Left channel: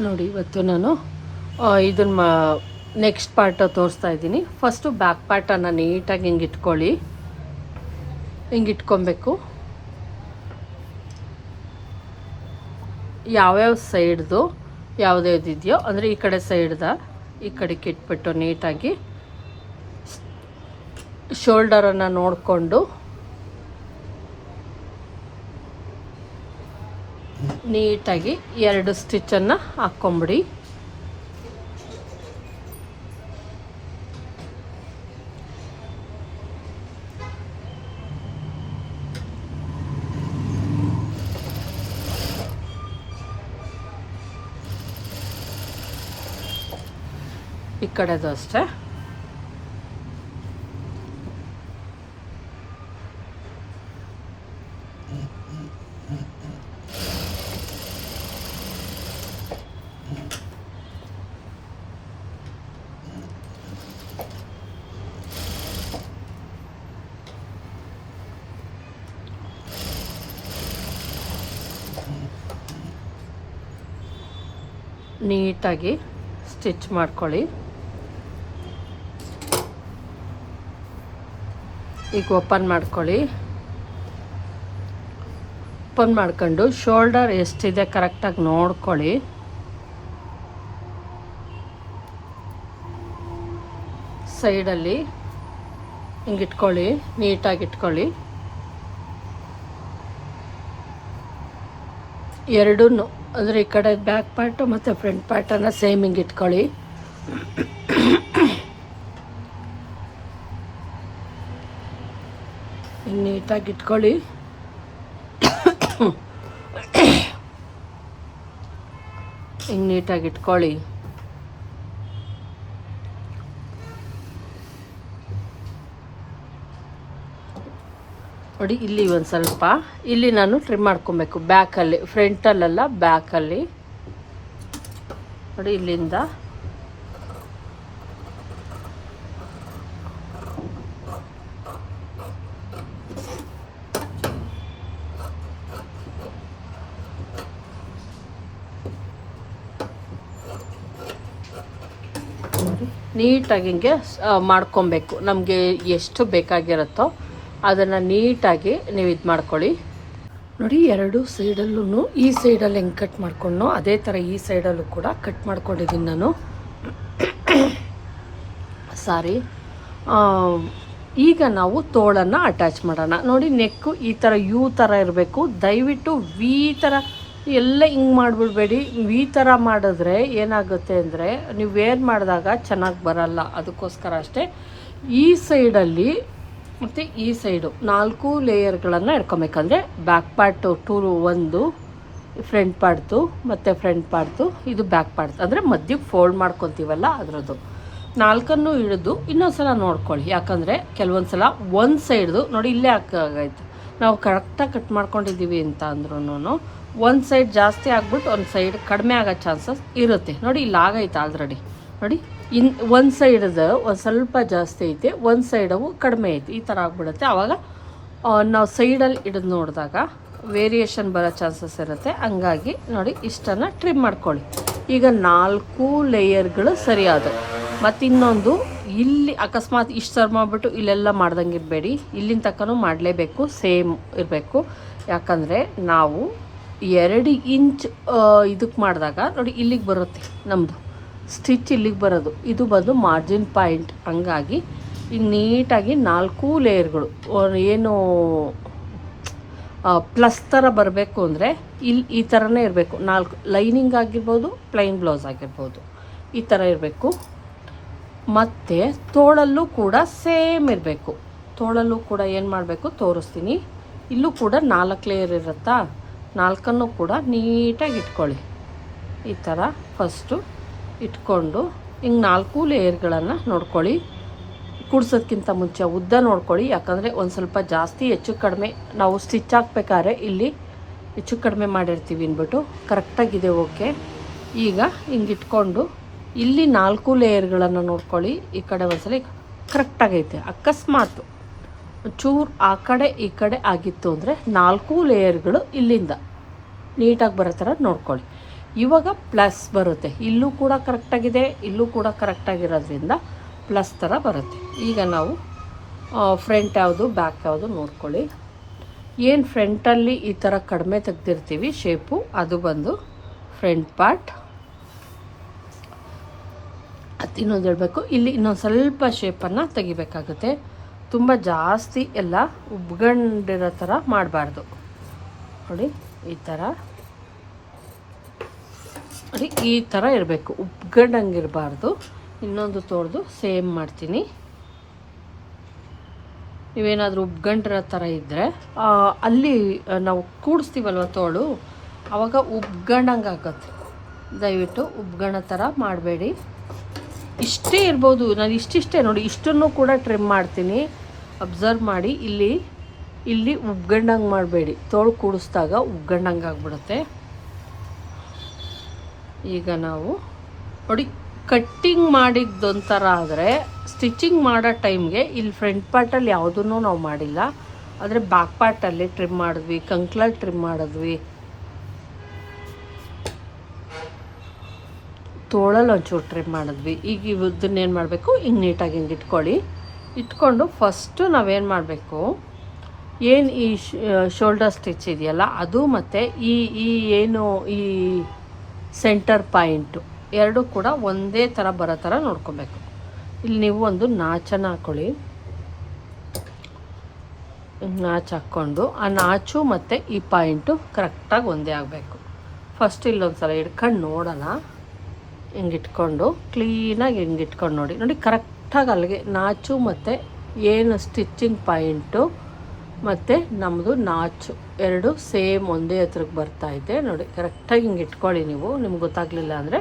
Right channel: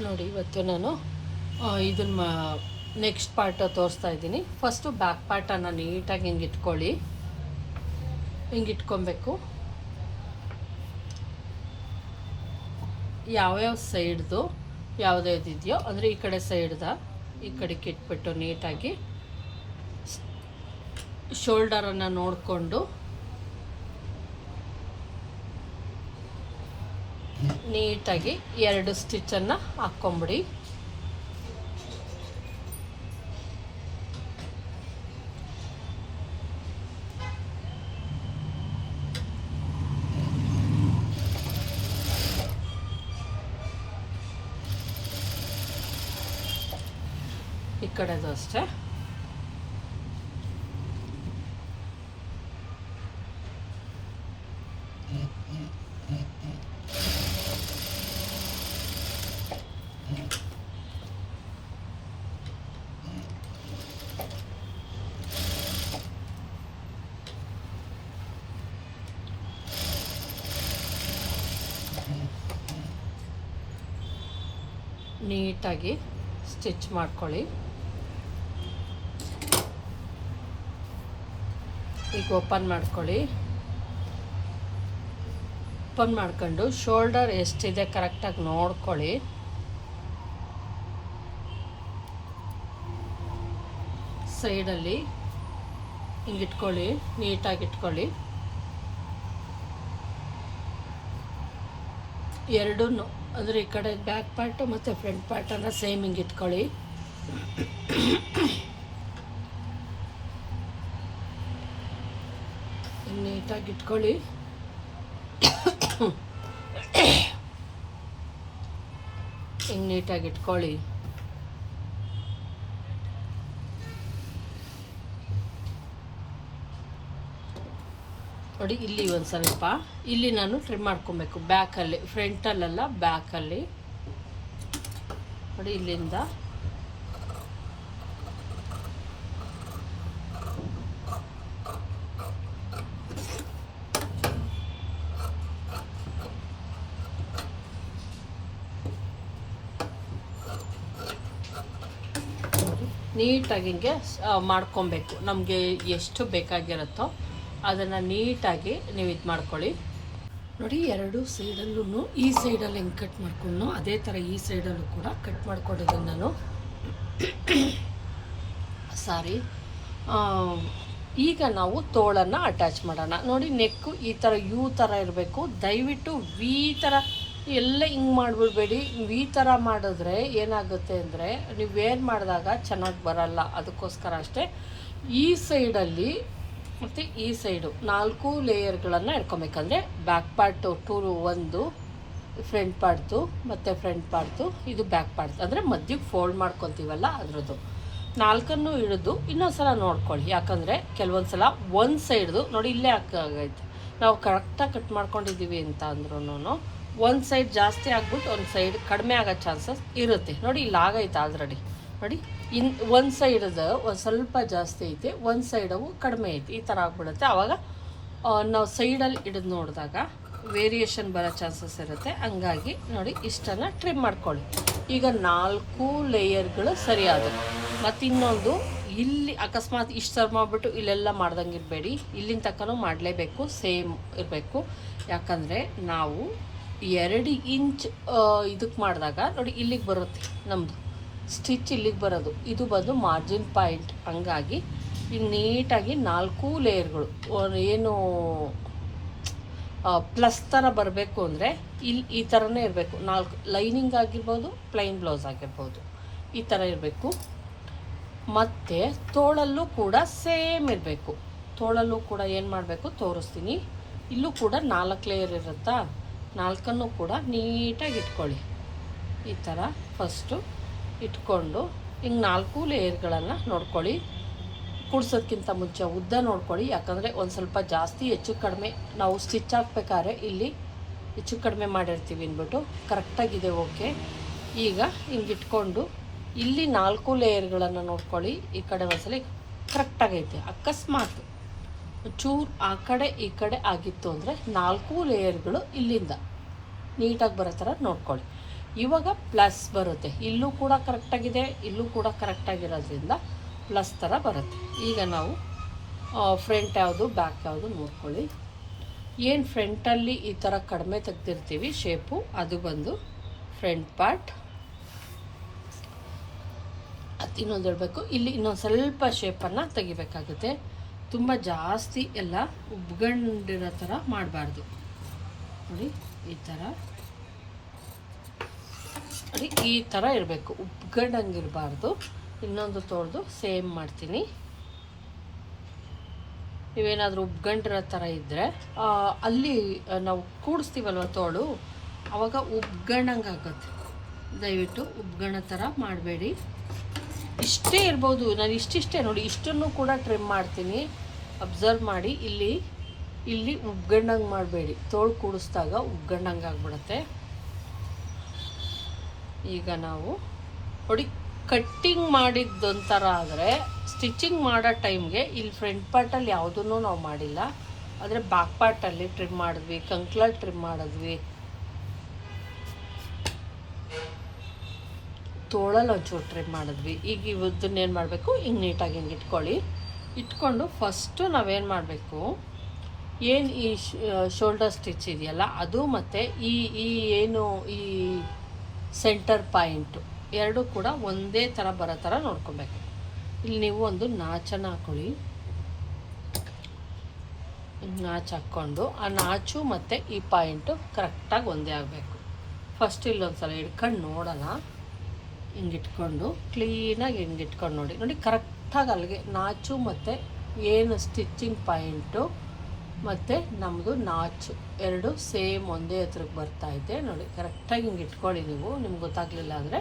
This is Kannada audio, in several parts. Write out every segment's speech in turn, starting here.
ನೋಡಿ ಇವತ್ತು ನಾನು ಇದನ್ನು ನೆಕ್ಸ್ಟ್ ಪಾರ್ಟ್ ತೋರಿಸ್ತಾ ಇದ್ದೀನಿ. ಫಸ್ಟು ಬ್ಯಾಕ್ ಪಾರ್ಟನ್ನು ನೀಟಾಗಿ ಹಿಂಗೆ ಇಟ್ಕೊಳ್ಳಿ, ಹಿಂಗೆ ಇಟ್ಕೊಬೇಕು. ಯಾವ್ಯಾವ ಸೈಡ್ದು ಯಾವುದ್ಯಾವ್ದಿದೆಯೋ ಅಂದರೆ ಈ ಕಡೆ ಸೈಡ್ದ ಈ ಕಡೆಗೆ ಇಟ್ಬಿಟ್ಟು ನೀಟಾಗಿ ಶೋಲ್ಡರನ್ನು ನೋಡಿಕೊಂಡು ನೀಟಾಗಿ 2 ಸ್ಟಿಚ್ಚನ್ನು ಹಾಕ್ಕೊಂಬಿಡಿ. ಈ ಕಡೆದು ಅಷ್ಟೇ. ನೀಟಾಗಿ ಸ್ಟಿಚ್ ಮಾಡ್ಕೊಳ್ಳಿ. ಈಗ ಓಪನ್ ಮಾಡ್ಕೊಳ್ಳಿ. ಓಪನ್ ಮಾಡ್ಕೊಂಡು ಶೋಲ್ಡರ್ ಎಷ್ಟಿದೆ ಕರೆಕ್ಟಾಗಿ ನೋಡ್ಕೊಳ್ಳಿ. ಸೈಡಲ್ಲಿ ಹಿಂಗೆ ಇಟ್ಕೊಳ್ಳಿ, ನೀಟಾಗಿ ಇಟ್ಕೊಳ್ಳಿ. ಎರಡೂ ಅಂದರೆ ಈ ಕಡೆ ಬ್ಯಾಕ್ ಪಾರ್ಟು ಮತ್ತು ಫ್ರಂಟ್ ಪಾರ್ಟನ್ನು ಸೇಮ್ ಹಿಂಗೆ ಇಟ್ಕೊಳ್ಳಿ. ನೀಟಾಗಿ ಇಟ್ಕೊಳ್ಳಿ. ಹಿಂಗೆ ನೀಟಾಗಿ ಇಟ್ಕೊಳ್ಳಿ. ನೋಡಿ ಇಲ್ಲಿ ಒಂದು ಸ್ವಲ್ಪ ಇಲ್ಲಿ ನಾನು ಟ್ರಿಮ್ ಮಾಡ್ಕೊಬೇಕು, ಬ್ಯಾಕಲ್ಲಿ, ಫ್ರಂಟಲ್ಲೆಲ್ಲ ಬ್ಯಾಕಲ್ಲಿ. ನೋಡಿ ಇಲ್ಲಿಂದ ನೀಟಾಗಿ ಹಿಂಗೆ ಮಾಡ್ಕೊಬೇಕು. ನಮಗೆ ಎಷ್ಟು ಬೇಕಾಗಿರುತ್ತೋ ಅದನ್ನು ನೀಟಾಗಿ ನೀವು ಇದು ಮಾಡ್ಕೊಳ್ಳಿ. ನೋಡಿ 2 ಸೈಡಲ್ಲೂ ಈ ಸೈಡಲ್ಲಿ ಹೆಂಗೆ ಕಟ್ ಮಾಡ್ಕೊಂಡು ಅದೇ ಥರ ಈ ಸೈಡಲ್ಲೂ ಕೂಡ ಕಟ್ ಮಾಡ್ಕೊಂಡಿದ್ದೀನಿ ನಾನು. ಸಾರಿ. ಈಗ ನಾವು ತೋಳನ್ನು ಅಟ್ಯಾಚ್ ಮಾಡೋಣ. ನೋಡಿ ನೆಕ್ಕು ಈ ಥರ ಯು ಥರ ಇರಬೇಕು. ದಯವಿಟ್ಟು ವಿ ಥರ ಎಲ್ಲ ಹಿಂಗೆ ಮಾಡಿಬಿಡ್ಬೇಡಿ. ವಿ ಥರ ಮಾಡಿದ್ರೆ ಏನಾಗುತ್ತೆ ಅಂದರೆ ನೀವು ವೇರ್ ಮಾಡಿದಾಗ ಚೆನ್ನಾಗಿ ಬರಲ್ಲ. ಅದಕ್ಕೋಸ್ಕರ ಅಷ್ಟೇ ಈ ಸೈಡಲ್ಲಿ ಮತ್ತು ಈ ಸೈಡು 4 ಲೇಯರ್ಗಳನ್ನು ಇಟ್ಕೊಬೇಕಂದ್ರೆ ಬ್ಯಾಕ್ ಪಾರ್ಟು 1 ಫ್ರಂಟ್ ಪಾರ್ಟ್ದು ಮತ್ತು ಫ್ರಂಟ್ ಪಾರ್ಟ್ದು, ಇದು ಬ್ಯಾಕ್ ಪಾರ್ಟ್ ಅಂದರೆ ಮಧ್ಯೆ ಫೋಲ್ಡ್ ಮಾಡ್ಕೊತೀವಲ್ಲ ಅದರದ್ದು 4 ಹಿಡಿದು ಇನ್ನೊಂದ್ಸಲ ನೋಡ್ಕೊಳ್ಳಿ. ಯಾಕಂದರೆ ಕೆಲವೊಂದು ಸಲ ಒಂದು ಸೈಡ್ದು ನೋಡಿ ಇಲ್ಲೇ ಹಾಕಾಗೈತೆ, ನಾವು ಕರೆಕ್ಟಾಗಿ ಕಟ್ ಮಾಡ್ಕೊಂಡಿದ್ದೀವಿ ಅಂತ ಅಂದ್ರೂ ಒಂದು ಸೈಡ್ ಜಾಸ್ತಿ ಆಗ್ಬಿಟ್ಟು ಒಂದು ಸೈಡ್ ಕಡಿಮೆ ಆಗೋ ಚಾನ್ಸಸ್ ಇರುತ್ತೆ. ನೋಡಿ ಇಲ್ಲಿ ಆಗೈತೆ ಆಲ್ರೆಡಿ. ನೋಡಿ ಒಂದು ಸೈಡದು ಒಂದು ಸ್ವಲ್ಪ ಜಾಸ್ತಿ ಐತೆ, ಒಂದು ಸೈಡವು ಕಡಿಮೆ ಐತೆ. ಈ ಥರ ಆಗ್ಬಿಡುತ್ತೆ. ಆವಾಗ ನಾವು ಸೈಡಲ್ಲಿ ಹಿಡಿದು ನೋಡಿದಾಗ ವೇರಿಯೇಷನ್ ಬರೋ ಚಾನ್ಸಸ್ ಇರುತ್ತೆ. ಹಂಗಾಗಿ ನೋಡಿ ಇಷ್ಟನ್ನು ಟ್ರಿಮ್ ಮಾಡ್ಕೊಳ್ಳಿ. ಈಗ 4 ಲೇಯರ್ಗಳು ಸರಿಯಾದ. ಮತ್ತು ಇನ್ನೊಂದು ಇಲ್ಲಿ ಅಕಸ್ಮಾತ್ ಇಷ್ಟು ಸರ್ ಮಾಡಿಬಿಟ್ಟು ಇಲ್ಲೆಲ್ಲ ಮಾಡ್ದಂಗೆ ಇರಬೇಡಿ. ಇಲ್ಲಿನ ತಕ್ಕನೂ ಮಾಡಲೇಬೇಕು, ಸೇಮ್ ಇರಬೇಕು. ಯಾಕಂದರೆ ನಾವು 2 ಇಂಚ್ ಇದಕ್ಕೆ ಮಾಡಿದಾಗ ನೋಡಿ ಇಲ್ಲಿಗೆ ಬರುತ್ತೆ ನಮ್ಮದು ಸ್ಟಿಚ್, ಇಲ್ಲಿಗೆ ಬರೋದು, ಇದು ಬಂದು ಮಾರ್ಜಿನ್ ಪಾಯಿಂಟ್. ಹಂಗಾಗಿ ಈಗ ನೀಟಾಗಿ 4 ಲೇಯರ್ಗಳು ಏನು ಪ್ಲಸ್ ಥರ ಬರಬೇಕು ಅಂದರೆ ಇಲ್ಲಿ ಈ ಥರನೇ ಇರಬೇಕು. 4 ಲೈನಿಂಗ್ ಆಗಿರ್ಬೋದು, ಪ್ಲೈನ್ ಬ್ಲೌಸ್ ಆಗಿರ್ಬೋದು, ಈ ಥರ ಇರಬೇಕು. ಮತ್ತು ತೋಳಲ್ಲೂ ಕೂಡ ಸೇಮ್ ಇರಬೇಕು. ತೋಳಲ್ಲೂ ಕೂಡ ಏನು ಮಾಡಬೇಕು ತೋರಿಸ್ತೀನಿ. ಇಲ್ಲೂ ಕೂಡ 4 ಲೇಯರ್ ಇರುತ್ತಾ, 4 ಕೂಡ ನೀಟಾಗಿ ಇಟ್ಕೊಳ್ಳಿ. ಈ ಥರ ಫಸ್ಟು ಇಟ್ಕೊಂಡು ಹಿಂಗೆ 4 ಲೇಯರ್ಗಳನ್ನು ನೋಡ್ಕೊಳ್ಳಿ. ಕೂಡ್ಸೋದಕ್ಕಿಂತ ಮುಂಚೆ ಉದ್ದ ನೋಡ್ಕೊಳ್ಳಿ. ಯಾಕಂದರೆ ಒಂದು ಸ್ವಲ್ಪ ಜಾಸ್ತಿ ಹೆಚ್ಚು ಕಡಿಮೆ ನಾವು ಸ್ಟಿಚ್ ಹಾಕ್ಬೇಕಾದ್ರೆ ಇಲ್ಲಿ ಹೆಚ್ಚು ಕಡಿಮೆ ಮಾಡಿರ್ತೀವಿ ಅಂದ್ಬಿಟ್ಟು ಕರೆಕ್ಟಾಗಿದೆ. ಓಕೆ, ಈಗ ಹಿಂಗೆ ಇಟ್ಕೊಂಡು ಇಲ್ಲಿ 4 ಲೇಯರ್ಗಳನ್ನು ನೋಡ್ಕೊಳ್ಳಿ. ಈ ಕಡೆ ಒಂದ್ಸಲ ಕರೆಕ್ಟಾಗೈತೆ. ಅಕಸ್ಮಾತು ಚೂರು ಆ ಕಡೆ ಈ ಕಡೆ ಆಗಿತ್ತು ಅಂದರೆ 4 ಲೇಯರ್ಗಳು ಇಲ್ಲಿಂದ ನೀಟಾಗಿ ಬರೋ ಥರ ನೋಡ್ಕೊಳ್ಳಿ. ಇವಾಗ ಪ್ಲಸ್ ಬರುತ್ತೆ, ಇಲ್ಲೂ ಕೂಡ ಕರೆಕ್ಟಾಗಿದೆ, ಇಲ್ಲೂ ಕೂಡ ಕರೆಕ್ಟಾಗಿರೋದ್ರಿಂದ ಪ್ಲಸ್ ಥರ ಬರುತ್ತೆ. ಈಗ ನಾವು ಫ್ರಂಟ್ ಯಾವುದು ಬ್ಯಾಕ್ ಯಾವುದು ನೋಡ್ಕೊಳ್ಳಿ. ಏನು ಫ್ರಂಟಲ್ಲಿ ಈ ಥರ ಕಡಿಮೆ ತೆಗ್ದಿರ್ತೀವಿ ಶೇಪು, ಅದು ಬಂದು ಫ್ರಂಟ್ ಪಾರ್ಟ್. ಅದು ಇನ್ನೊಂದು ಹೇಳಬೇಕು, ಇಲ್ಲಿ ಇನ್ನೊಂದು ಸ್ವಲ್ಪ ಶೇಪನ್ನು ತೆಗಿಬೇಕಾಗುತ್ತೆ. ತುಂಬ ಜಾಸ್ತಿ ಎಲ್ಲ ಉಬ್ಗಂಡಿರೋ ಥರ ಮಾಡಬಾರ್ದು ನೋಡಿ. ಈ ಥರ ನೋಡಿ, ಈ ಥರ ಇರಬೇಕು, ಉಬ್ಗಂಡಂಗಿರಬಾರ್ದು. ಇನ್ನೊಂದು ತೋಳ್ದು ಸೇಮ್ ಮಾಡ್ತೀನಿ. ನೀವೇನಾದರೂ ಉಬ್ಗಂಡಿರೋ ಥರ ಇದ್ದರೆ ಅಲ್ಲಿ ನಾವು ಕೂಡಿಸ್ತೀವಲ್ವ ತೋಳು, ಆವಾಗ ಉಬ್ಗಂಡಂಗೆ ಆಗುತ್ತೆ. ದಯವಿಟ್ಟು ಉಬ್ಗಣ ಥರ ಮಾಡಬೇಡಿ. ಇಷ್ಟೇ ಇರ್ಬೋದು, ನಾನು ಇಷ್ಟಿಷ್ಟೇ ನೋಡಿ, ಇಷ್ಟನ್ನು ಕೂಡ ಟ್ರಿಮ್ ಮಾಡ್ತೀನಿ. ಅಬ್ಸರ್ವ್ ಮಾಡಿ, ಇಲ್ಲಿ ಉಬ್ಗಂಡಂಗೆ ಮಾಡಬೇಡಿ, ತೋಳು ಕೂಡಿಸಿದಾಗ ಉಬ್ಗಂಡಂಗೆ ಆಗಿಬಿಡುತ್ತೆ. ಈಗ ನಾವು ನೋಡಿ, ಕಟ್ಟಿಂಗ್ ಮಾಡಿದ್ದೊಂಥರ ಆದರೆ ಸ್ಟಿಚಿಂಗ್ ಮಾಡೋ ಟೈಮ್ಗೆ ಇಲ್ಲಿ ಫ್ರಂಟ್ ಪಾರ್ಟಲ್ಲಿ ಯಾವುದನ್ನು ನಾವು ಮಾಡಿಲ್ಲ, ಆದರೆ ಬ್ಯಾಕ್ ಪಾರ್ಟಲ್ಲಿ ಟ್ರಿಮ್ ಮಾಡಿದ್ವಿ, ಕಂಕ್ಲರ್ ಟ್ರಿಮ್ ಮಾಡಿದ್ವಿ, ತೋಳಲ್ಲಿ ಒಂಚೂರು ಟ್ರಿಮ್ ಮಾಡಿದ್ವಿ. ಈಗ ಇದನ್ನೇನು ಮಾಡಬೇಕು, ಹಿಂಗೆ ನೀಟಾಗಿ ಹಿಂಗೆ ಇಟ್ಕೊಂಡು ಫಸ್ಟು ನಾವೇನು ಮಾಡಬೇಕು, ಏನು ಈ ಶೋಲ್ಡರ್ ಸ್ಟಿಚ್ ಇದೆಯಲ್ಲ ಅದು ಮತ್ತು ಈ ಏನು ಈ ಸೆಂಟರ್ ಪಾಯಿಂಟು ಎರಡೂ ಕೂಡ ಒಂದೇ ಥರ ಬರೋ ಥರ ನೋಡ್ಕೊಬೇಕು. ಇಲ್ಲಿ ನೀವು ಒಂದು ನಾಚನ್ನು ಹಾಕ್ಕೊಳ್ಳಿ. ನಾಚು ಹಾಕ್ಕೊಂಡು ಆ ನಾಚು ಮತ್ತು ಈ ಪಾಯಿಂಟು ಕರೆಕ್ಟಾಗಿ ಒಂದೇ ಆಗಬೇಕು. ಫಸ್ಟ್ ಇಲ್ಲೊಂದು ಸಲ ಹಿಡ್ಕೊಂಡು ನೋಡೋಣ. ಹಿಂಗಿಟ್ಕೊಂಡು ಕ್ಲೀನಾಗಿ ಹಿಂಗಿಟ್ಕೊಂಡು ನೋಡಿ ಕರೆಕ್ಟಾಗಿ ಅಲ್ಲಿಗೆ ನಾಚು ಮತ್ತು ಏನು ಸ್ಟಿಚ್ಚಿಂಗ್ ಪಾಯಿಂಟು ಮತ್ತು ನಮ್ಮದು ನಾಚು ಎರಡು ಸೇಮ್ ಒಂದೇ ಹತ್ರಕ್ಕೆ ಬರ್ತಾಯಿದೆ ನೋಡಿ. ಕರೆಕ್ಟಾಗಿ ಹಿಂಗೆ ಇಟ್ಕೊಳ್ಳಿ. ನೀವು ನಿಮ್ಗೆ ಗೊತ್ತಾಗಲಿಲ್ಲ ಅಂದರೆ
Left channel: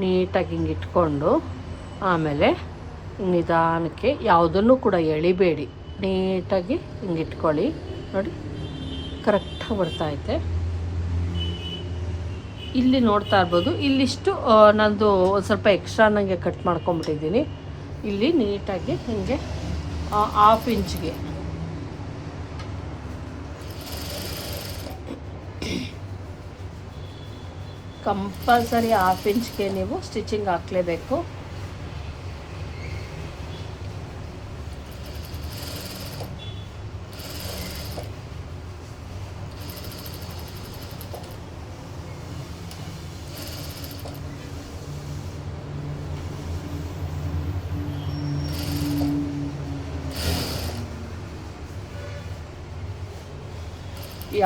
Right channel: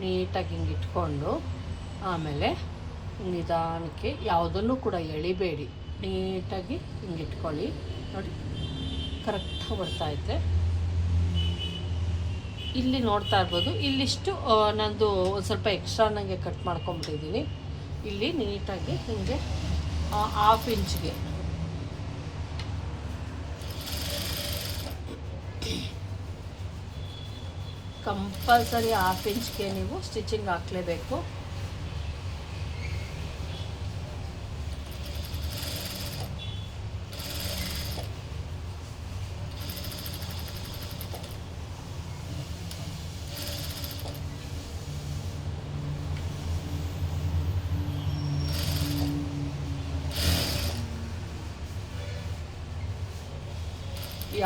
ನೀಟಾಗಿ ಹಿಂಗೆ ಇಟ್ಕೊಂಡು ಆಮೇಲೆ ನಿಧಾನಕ್ಕೆ ಯಾವುದನ್ನು ಕೂಡ ಎಳಿಬೇಡಿ, ನೀಟಾಗಿ ಹಿಂಗೆ ಇಟ್ಕೊಳ್ಳಿ. ನೋಡಿ ಕರೆಕ್ಟಾಗಿ ಬರ್ತಾಯಿದೆ. ಇಲ್ಲಿ ನೋಡ್ತಾ ಇರ್ಬೋದು, ಇಲ್ಲಿಷ್ಟು ನಂದು ಒಂದು ಸ್ವಲ್ಪ ಎಕ್ಸ್ಟ್ರಾ ನನಗೆ ಕಟ್ ಮಾಡ್ಕೊಂಬಿಟ್ಟಿದ್ದೀನಿ. ಇಲ್ಲಿ ನೀಟಾಗಿ ಹಿಂಗೆ 1/2 ಇಂಚ್ಗೆ ಕಂಪಲ್ಸರಿ 1/2 ಇಂಚ್ಗೆ ನೀವು ಸ್ಟಿಚಿಂಗ್ ಹಾಕಲೇಬೇಕು.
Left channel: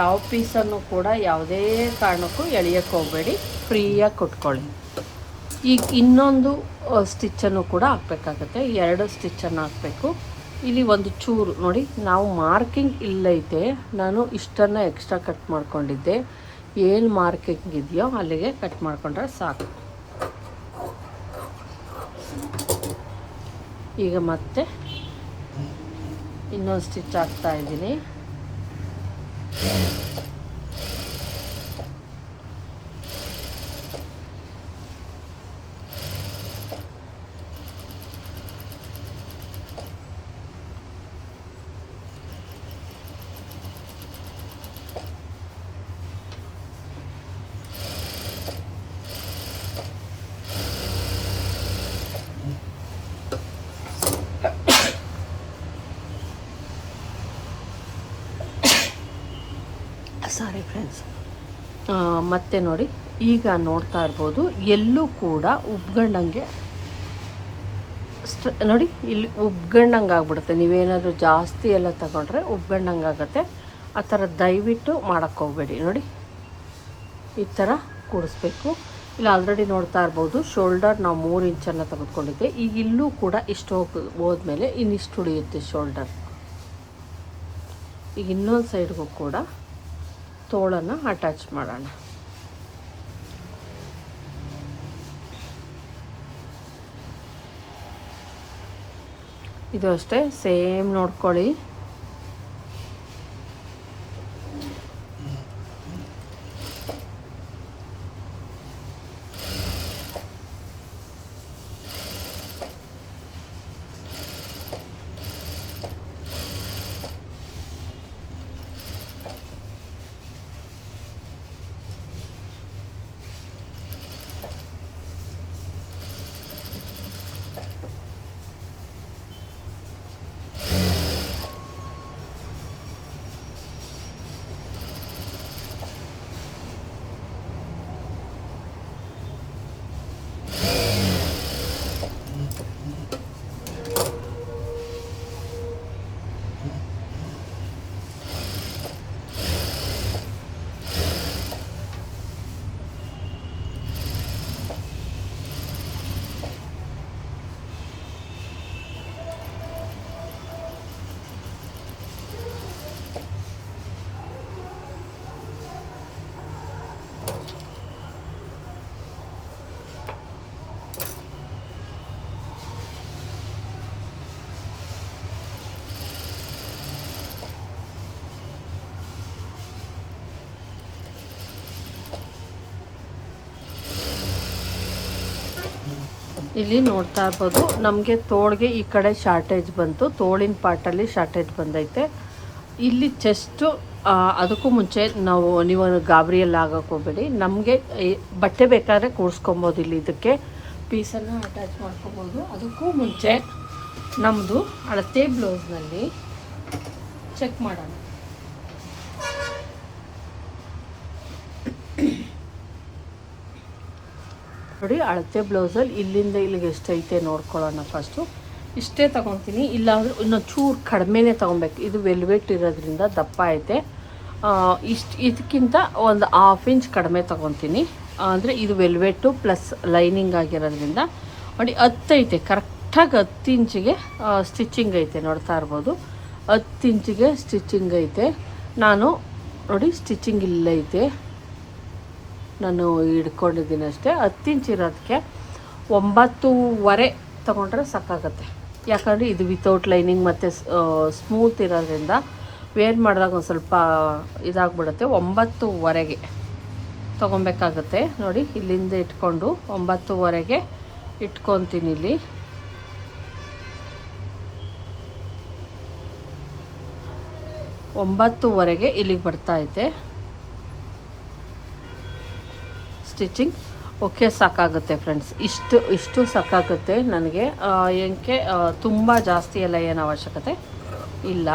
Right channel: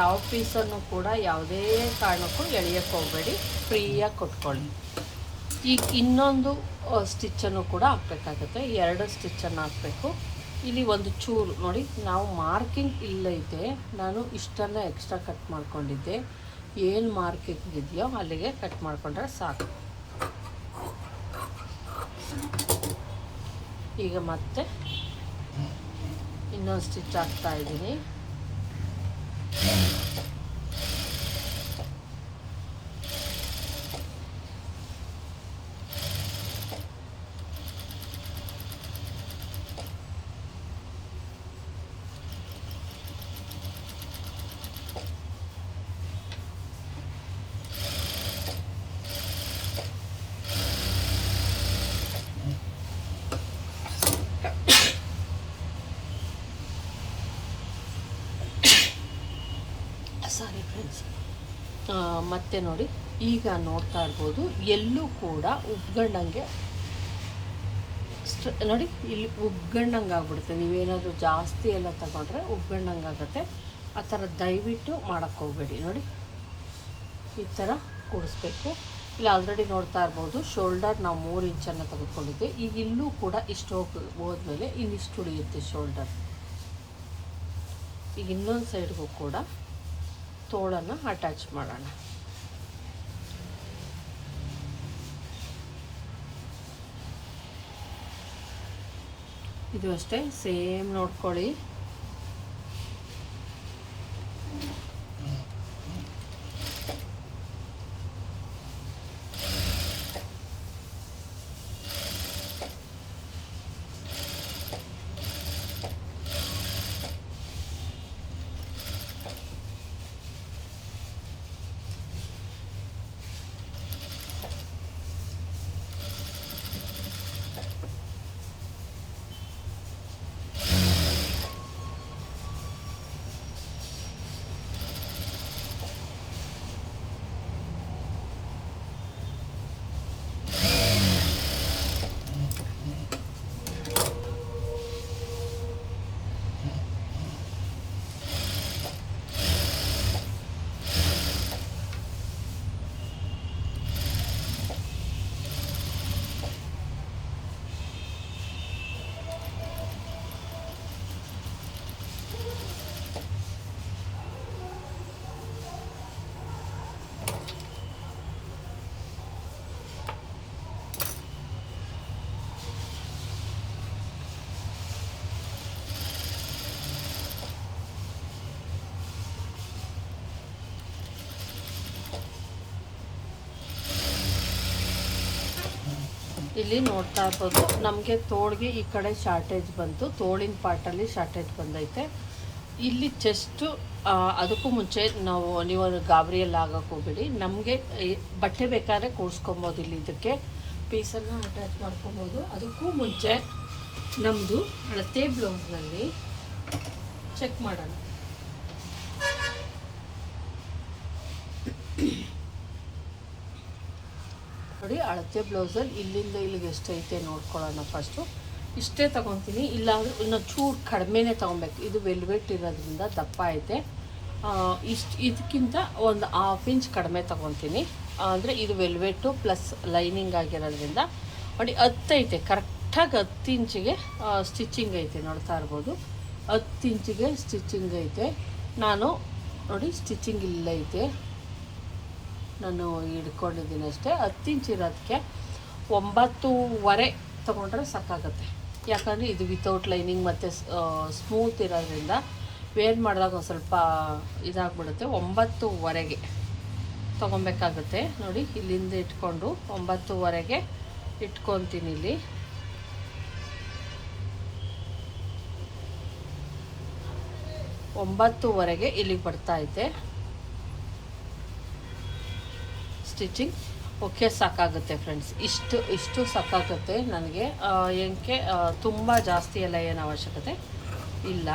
ಯಾವ ಪೀಸನ್ನು ಕೂಡ ಯಾವುದೇ ಕಾರಣಕ್ಕೂ ಎಳೆಯೋಕ್ಕೆ ಹೋಗಬೇಡಿ, ಫ್ರೀಯಾಗಿ ಕೊಟ್ಕೊಳ್ಳಿ. ಈಗ ಇನ್ನೊಂದು ಸ್ಟಿಚ್ಚನ್ನು ಕೂಡ ಹಾಕಬೇಕಾಗತ್ತೆ, 2 ಸ್ಟಿಚ್ಚನ್ನು ಹಾಕಬೇಕು. ಇಲ್ಲಿ ಒಂದು ಚೂರು ನೋಡಿ, ನಾವು ಮಾರ್ಕಿಂಗ್ ಇಲ್ಲೈತೆ, ನಾನು ಇಷ್ಟನ್ನು ಎಕ್ಸ್ಟ್ರಾ ಕಟ್ ಮಾಡ್ಕೊಂಡಿದ್ದೆ. ಏನು ಮಾರ್ಕಿಂಗ್ ಇದೆಯೋ ಅಲ್ಲಿಗೆ ಕಟ್ ಮಾಡಿಕೊಂಡ್ರೆ ಸಾಕು. ಈಗ ಮತ್ತೆ ಇನ್ನೊಂದು ಸ್ಟಿಚ್ ಹಾಕ್ತಾ ಇದ್ದೀನಿ. Sorry friends. ಮತ್ತೆ ನೋಡಿ, ಈಗ ನೋಡ್ತಾ ಇರ್ಬೋದು, ಎಲ್ಲೂ ಕೂಡ ಉಬ್ಗಂಡಂಗೆ ನೋಡಿ, ಇಲ್ಲಿ ಉಬ್ಗಂಡಂಗೆ ಆಗ್ಬಿಡುತ್ತೆ. ನೀವೇನಾದರೂ ಜಾಸ್ತಿ ಎಲ್ಲ ತಗೊಂಡ್ರೆ ಉಬ್ಗಂಡಂಗೆ ಆಗುತ್ತೆ. ಆ ಥರ ದಯವಿಟ್ಟು ಮಾಡೋಕ್ಕೆ ಹೋಗಬೇಡಿ. ನೋಡಿ ಈ ಥರ ಕೂಡಿಸ್ಬೇಕು. ಇಲ್ಲಿ ಆಲ್ರೆಡಿ ನೋಡ್ತಾ ಇರ್ಬೋದು, ಶೋಲ್ಡರ್ ನಾವು 3 ಇಂಚನ್ನು ತೆಗೆದುಕೊಂಡಿದ್ದೆ. ಈಗ ಇಲ್ಲೂ ಕೂಡ ಇಷ್ಟು ಹೋದ್ಮೇಲೆ ಇನ್ನಿಷ್ಟು ಉಳಿಯುತ್ತೆ ಶೋಲ್ಡರ್. ಈಗ ಇನ್ನೊಂದು ಸೈಡ್ಗೂ ಕೂಡ ತೋಳನ್ನು ಅಟ್ಯಾಚ್ ಮಾಡೋಣ. ಇದು ಅಷ್ಟೇ ಸೇಮ್ ನೋಡ್ಕೊಳ್ಳಿ. ಇಲ್ಲಿ ನೋಡ್ತಾ ಇರ್ಬೋದು ನಮಗೆ ತೋಳಿಗೆ ಈ ಕಡೆ ಶಾರ್ಟೇಜ್ ಬಂತು, ತೋಳಿನ ಪಾರ್ಟಲ್ಲಿ ಶಾರ್ಟೇಜ್ ಬಂದೈತೆ. ಇಲ್ಲಿ ಚೆಸ್ಟು ಅದಕ್ಕೂ ಮುಂಚೆ ನೀವು ಗಾಬರಿಯಲ್ಲಿ ಆಗೋಕ್ಕೆ ಹೋಗಬೇಡಿ. ನಮಗೆ ಬಟ್ಟೆ ಬೇಕಾದರೆ ಕೂರಿಸ್ಕೊಬೋದು, ಇಲ್ಲಿ ಇದಕ್ಕೆ ಪೀಸನ್ನು ಅಟ್ಯಾಚ್ ಮಾಡ್ಕೊಬೋದು. ಅದಕ್ಕೂ ಮುಂಚೆ ನಮ್ಮದು ಅಳತೆ ಬ್ಲೌಸ್ನಲ್ಲಿ ಚೆಕ್ ಮಾಡೋಣ. ನೋಡಿ, ಅಳತೆ ಬ್ಲೌಸಲ್ಲಿ ಇಲ್ಲಿಂದ ಇಲ್ಲಿಗೆ ಎಷ್ಟೈತೆ ನೋಡ್ಕೊಳ್ಳೋಣ. ಫಸ್ಟು ಇಷ್ಟೇ ತೊಗೊತೀನಿ, ಇಲ್ಲಾಂದರೆ ಇನ್ನೂ ಚೂರು ಕಡಿಮೆನೇ ತೊಗೊಬೇಕು. ಇದು ವೆಲ್ವೆಟ್ ಇರೋದ್ರಿಂದ ದಪ್ಪ ಐತೆ. ಇದಕ್ಕಿಂತ ಒಂದು 1/2 ಇಂಚ್ ಕಡಿಮೆ ತೊಗೊತೀನಿ. ಅಂದರೆ ಇದು ವೆಲ್ವೆಟ್ಟು ಪ್ಲಸ್ ಲೈನಿಂಗ್ ಆಗಿರೋದ್ರಿಂದ ನೋಡಿ 10 ಐತೆ. ಕರೆಕ್ಟಾಗಿ 10 ಇಂಚಿಗೆ ಸ್ಟಿಚಿಂಗ್ ಐತೆ, ನೋಡ್ತಾ ಇರ್ಬೋದು. 10 ಇಂಚಿಗೆ ಸ್ಟಿಚಿಂಗ್ ಐತೆ. ನಾನು ನೋಡಿ ಸ್ಟಿಚಿಂಗ್ ಇಲ್ಲೈತೆ, ನಾನು ಹಿಡ್ಕೊಂಡಿದ್ದೀನಿ ಅಷ್ಟೇ. 10 ಇಂಚ್ ಇರೋದಕ್ಕೆ 9.5 ತೊಗೊಂಡ್ರೆ ಸಾಕಾಗತ್ತೆ. ಯಾಕಂದರೆ ಇದು ವಿತೌಟ್ ಲೈನಿಂಗ್ ಮತ್ತು ಸ್ಮೂತ್ ಇರೋದ್ರಿಂದ ವೇರ್ ಮಾಡಿದಾಗ ಒಂದು ಸ್ವಲ್ಪ ಇದಾಗ್ಬಿಡುತ್ತೆ. 9.5 ತೊಗೊಬೇಕಾಗತ್ತೆ. ನೋಡಿ, ಇಲ್ಲಿಂದ ಇಟ್ಕೊಂಡು 9.5 ಇಟ್ಕೊತೀನಿ. ಇಲ್ಲಿ 9.5 ಇಲ್ಲಿಗೆ ಬರ್ತಾ ಐತೆ ಸ್ಟಿಚಿಂಗ್. ಓಕೆ, ಸಾಕಾಗುತ್ತೆ ಫ್ರೆಂಡ್ಸ್. ಇಷ್ಟು ಸಾಕಾಗುತ್ತೆ ನನಗೆ. ಏನಕ್ಕೆ ತುಂಬ ಜಾಸ್ತಿ ಎಲ್ಲ ಏನು ಅವಶ್ಯಕತೆ ಇಲ್ಲ.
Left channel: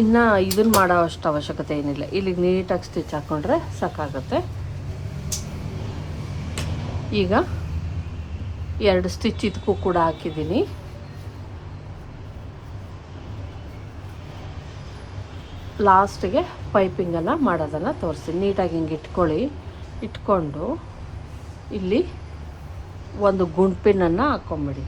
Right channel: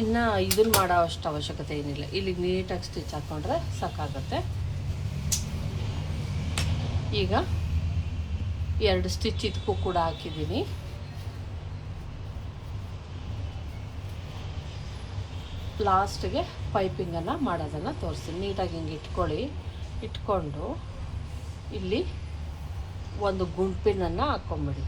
ಇನ್ನು ಇದನ್ನು ಮಾಡೋ ಅಷ್ಟು ಅವಶ್ಯಕತೆ ಏನಿಲ್ಲ. ಇಲ್ಲಿಗೆ ನೀಟಾಗಿ ಸ್ಟಿಚ್ ಹಾಕ್ಕೊಂಡ್ರೆ ಸಾಕಾಗುತ್ತೆ. ಈಗ 2 ಸ್ಟಿಚ್ ಇದಕ್ಕೂ ಕೂಡ ಹಾಕಿದ್ದೀನಿ. ಲಾಸ್ಟಿಗೆ ಪೈಪಿಂಗೆಲ್ಲ ಮಾಡೋದನ್ನು ತೋರಿಸ್ತೀನಿ. ನೀಟಾಗಿ ಹಿಂಗೆ ಇಟ್ಕೊಂಡು ಇಲ್ಲಿ ಒಂದು ಗುಂಡ್ಪಿನನ್ನು ಹಾಕ್ಕೊಂಬಿಡಿ.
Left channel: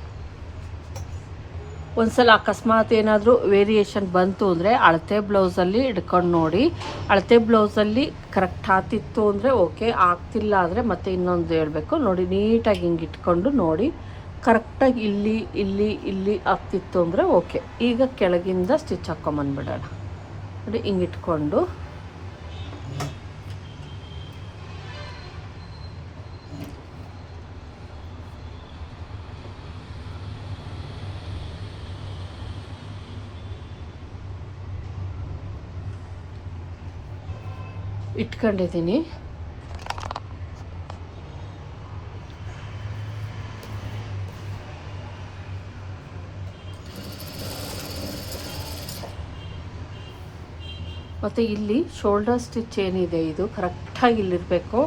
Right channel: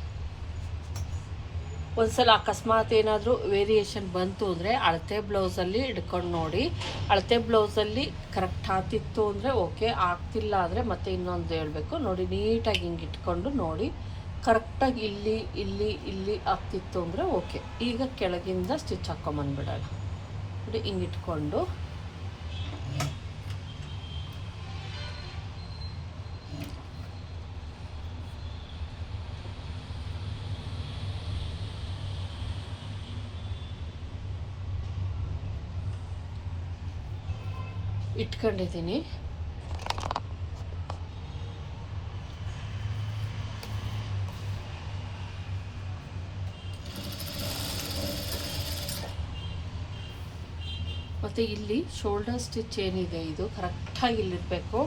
ಒಂದ್ಸಲ ಅಕಸ್ಮಾತ್ ಏನಾದರೂ ವೇರಿಯೇಷನ್ ಬಂತು ಅಂದರೆ ಅಳತೆ ಬ್ಲೌಸಲ್ಲಿ ಹಿಡ್ಕೊಂಡು ನೋಡಿ. ಅಳತೆ ಬ್ಲೌಸಲ್ಲಿ ಕರೆಕ್ಟ್ ಆಗ್ತಿತ್ತು ಅಂದರೆ ಓಕೆ, ಆಗ್ತಿಲ್ಲ ಅಂದರೆ ಮತ್ತೆ ಇನ್ನೊಂದು ಹೇಳಬೇಕು. ನೋಡಿ, ನೀಟಾಗಿ ಹಿಂಗೆ ಇಟ್ಕೊಂಡು ನೋಡಿ, ಕರೆಕ್ಟಾಗಿ ಇಲ್ಲಿ ಆಗ್ತಿತ್ತು ಅಂದರೆ ಓಕೆ. ಈಗ ಕೆಳಗಿಂದ ಸ್ಟಿಚ್ ಹಾಕ್ಕೊಂಬಂದ್ಬಿಡೋಣ. ನೋಡಿ, ಹಿಂಗೆ ಇಟ್ಕೊಂಡು ಇಟ್ಕೊಂಡಿದ್ದೀನಿ. ಮತ್ತು ಇಲ್ಲಿ ಶೋಲ್ಡರ್ ಸ್ಟಿಚ್ ಏನಿದೆ ಇದು ಕರೆಕ್ಟಾಗಿ ಇಲ್ಲಿರಬೇಕು.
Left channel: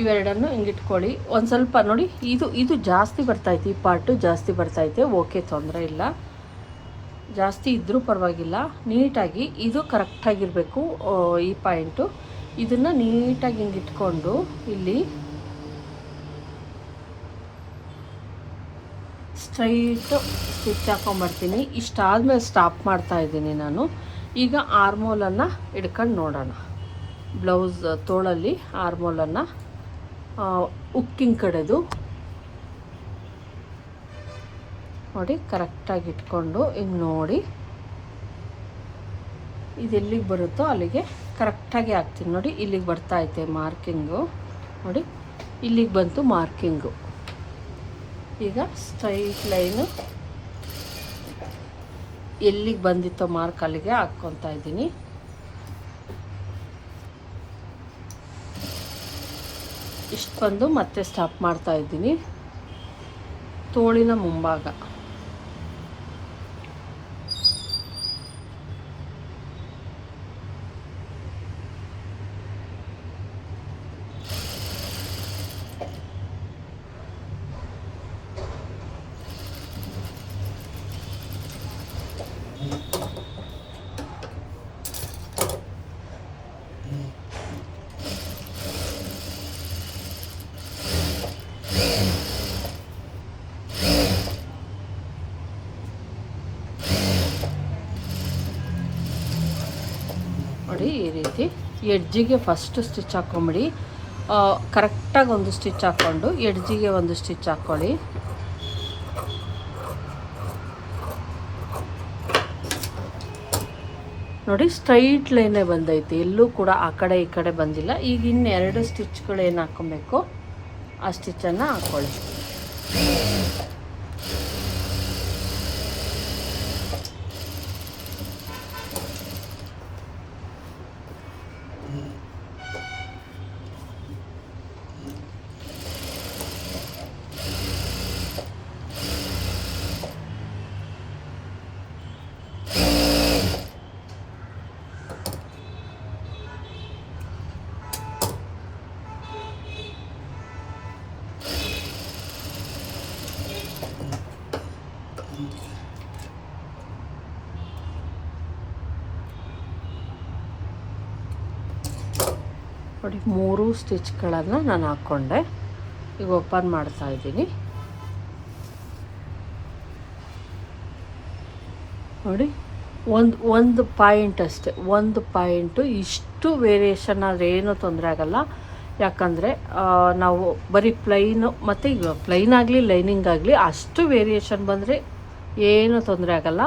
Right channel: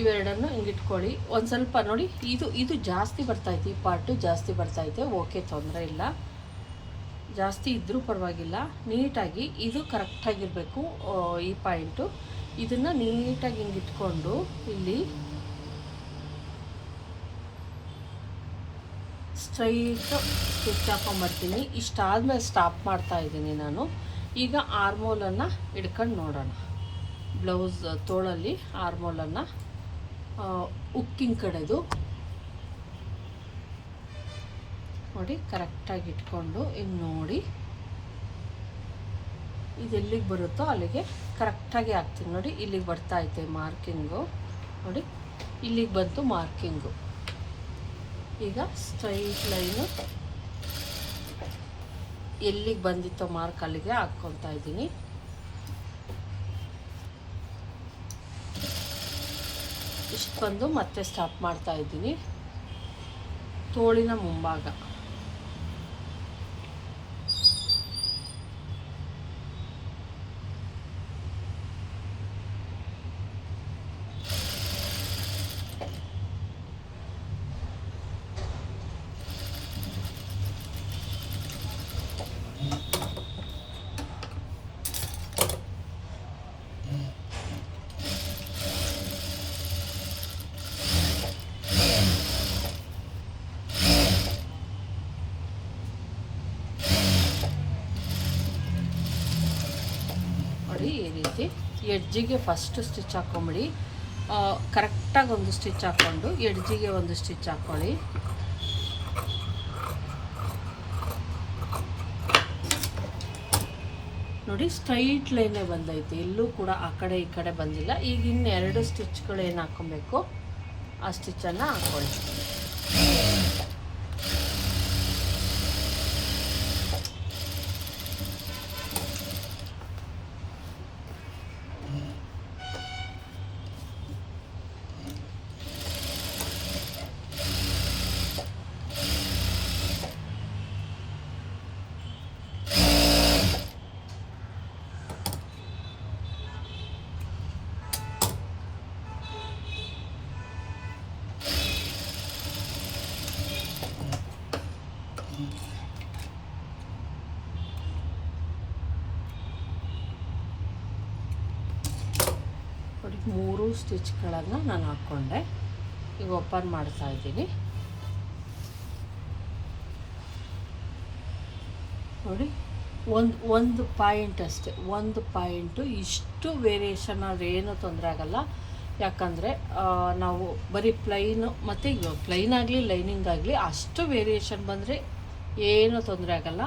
ಇವೆರಡನ್ನು ಹಿಂಗಿಟ್ಕೊಳ್ಳಿ. ಒಂದು ಸ್ವಲ್ಪ ನೋಡಿ, ಇದು ಜಾಸ್ತಿ ಬರ್ತೈತೆ, ಈ ಪಾರ್ಟು ಜಾಸ್ತಿ ಬರ್ತೈತೆ. ಓಕೆ, ತೊಂದರೆ ಇಲ್ಲ, ಜಾಸ್ತಿ ಇದ್ದರೂ ಪರವಾಗಿಲ್ಲ. ನೀಟಾಗಿ ಇದು ಕರೆಕ್ಟಾಗಿರಬೇಕು ಈ ಪಾಯಿಂಟು. ಇದನ್ನು ನೀಟಾಗಿ ಹಿಂಗಿಟ್ಕೊಂಡು ಇಲ್ಲಿ ಸ್ಟ್ರೈಟು ಸ್ಟಿಚ್ ಹಾಕೊಂಬರ್ತೀನಿ. ಇಷ್ಟಾದ್ಮೇಲೆ ಸ್ಟಾಪ್ ಮಾಡ್ತಾ ಇದ್ದೀನಿ ನಾನು. ಈಗ ಆರ್ಮೋಲನ್ನು ಹಿಡ್ಕೊಂಡು ನೋಡೋಣ. ಬ್ಲೌಸ್ ತೋಳಲ್ಲಿ ಆರ್ಮೋಲನ್ನು ಉಕ್ಕಿನ ಕಡೆದು ನೋಡಿ ಕರೆಕ್ಟಾಗಿ ಇಟ್ಕೊಂಡು ಹಿಂಗೆ ನೋಡಿ, ಇದೆಲ್ಲಿಗೆ ಬರುತ್ತೋ ಅಲ್ಲಿಗೆ ಕರೆಕ್ಟಾಗಿ ಹಾಕ್ತೀನಿ. ನೋಡಿ, ಇಲ್ಲಿಗೆ ಬರ್ತಾ ಐತೆ ಮಾರ್ಕಿಂಗು. ನೋಡಿ, ಇಲ್ಲಿಗೆ ಬಂತು ಮಾರ್ಕಿಂಗು. ಈಗ ಸ್ಟ್ರೈಟ್ ಲೈನು ಎಲ್ಲಿಗೆ ಬಂದಿತ್ತೋ ಮಾರ್ಕ್ ಅಲ್ಲಿಗೆ ಹಾಕ್ಕೊತಾ ಇದ್ದೀನಿ. ಇಷ್ಟು ಬಂದು ಮತ್ತೆ ಸ್ಟಾಪ್ ಮಾಡ್ತಾ ಇದ್ದೀನಿ. ತೋಳಿನ ಮುಂಭಾಗ ನೋಡಿ, ಈ ರೀತಿ ಎಡ್ಜಿಗೆ ಫಸ್ಟ್ ಸ್ಟಿಚ್ ಹಾಕೊಂಬಿಡಿ. ಕರೆಕ್ಟಾಗಿ ಒಂದು ಸ್ಟಿಚ್ ಹಾಕ್ಕೊಂಡು ಎಡ್ಜಿಗೆ ಒಂದು ಸ್ಟಿಚ್ ಹಾಕ್ಕೊಳ್ಳಿ. ನೋಡಿ, ಸ್ಟ್ರೈಟ್ ಲೈನೇ ಬಂದೈತೆ, ಎಲ್ಲೂ ಕೂಡ ಆ ಕಡೆ ಈ ಕಡೆ ಬಂದಿಲ್ಲ. ಈಗ ಇನ್ನು 2 ಸ್ಟಿಚ್ಗಳು ಏನು ಹಾಕ್ಕೊಬೇಕು, ಆ ಸ್ಟಿಚ್ಚನ್ನು ಹಾಕ್ಕೊಳ್ಳಿ. ನೋಡಿ 3 ಸ್ಟಿಚ್ಗಳನ್ನು ನಾನು ಹಾಕ್ಕೊಂಡೆ. ಈಗ ಓಪನ್ ಮಾಡ್ತಾ ಇದ್ದೀನಿ. ನೋಡಿ ಒಂದು ಪಾಯಿಂಟ್ ಅಷ್ಟೆ, ಒಂದು ಪಾಯಿಂಟು. ಇಷ್ಟು ವೇರಿಯೇಷನ್ ಆದರೆ ಏನೂ ತೊಂದರೆ ಆಗೋಲ್ಲ. ಯಾಕಂದರೆ ನಾವು ಬರೀ ಪ್ಲೈನು ಮತ್ತು ಈಗ ಪ್ಲೈನ್ ಆಗಲಿ ಲೈನಿಂಗ್ ಆಗಲಿ ಅಷ್ಟು ವೇರಿಯೇಷನ್ ಬಂದರೆ ಏನೂ ತೊಂದರೆ ಆಗೋಲ್ಲ.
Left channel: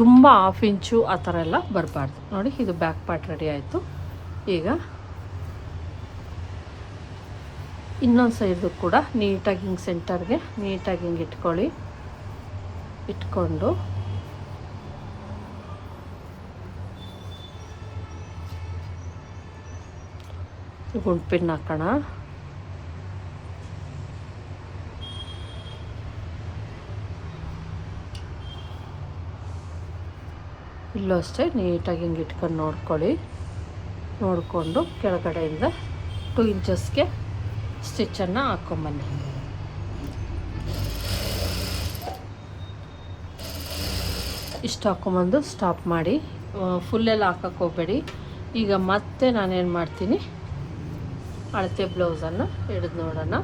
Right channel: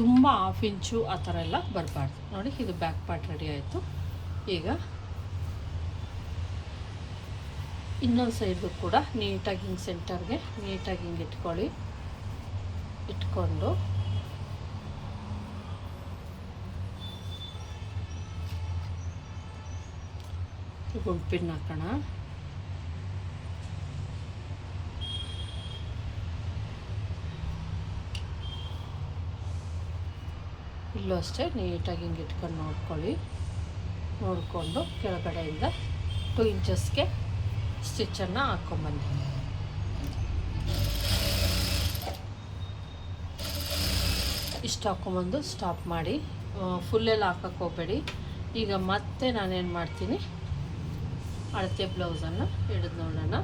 ತುಂಬ 1/2 ಇಂಚು ಆ ಥರ ಎಲ್ಲ ಬರಬಾರ್ದು. ನೋಡಿ ಇದು ಬ್ಯಾಕ್ ಪಾರ್ಟ್ ರೆಡಿ ಆಯಿತು. ಈಗ ಇನ್ನೊಂದು ಸೈಡು ಕೂಡ ನೀಟಾಗಿ ಹಿಂಗೆ ಸೆಂಟರ್ಗೆ ನೀಟಾಗಿ ಹಿಂಗೆ ಇಟ್ಕೊಳ್ಳಿ. ಇಟ್ಕೊಂಡು ಗುಂಪಿನ ಹಾಕೋಣ. ಇಲ್ಲೂ ಅಷ್ಟೇ ನೀಟಾಗಿ ಹಿಂಗೆ ಇಟ್ಕೊಂಡು ನೋಡ್ಕೊಳ್ಳಿ. ನೋಡಿಕೊಂಡು ಕೆಳಗಡೆಯಿಂದ 2 ಇಂಚಸ್ಗೆ ಸ್ಟಿಚ್ಚನ್ನು ಹಾಕ್ಕೊಂಬನ್ನಿ. ಇಷ್ಟು ಹಾಕ್ಕೊಂಬಂದು ಸ್ಟಾಪ್ ಮಾಡಿ. ಫುಲ್ಲೆಲ್ಲ ಹಾಕಕ್ಕೆ ಹೋಗಬೇಡಿ. ಈಗ ಮತ್ತೆ ನಾನೇನು ಮಾಡ್ತೀನಿ, ಅಳತೆ ಬ್ಲೌಸನ್ನು ಹಿಡಿದು ನೋಡೋಣ.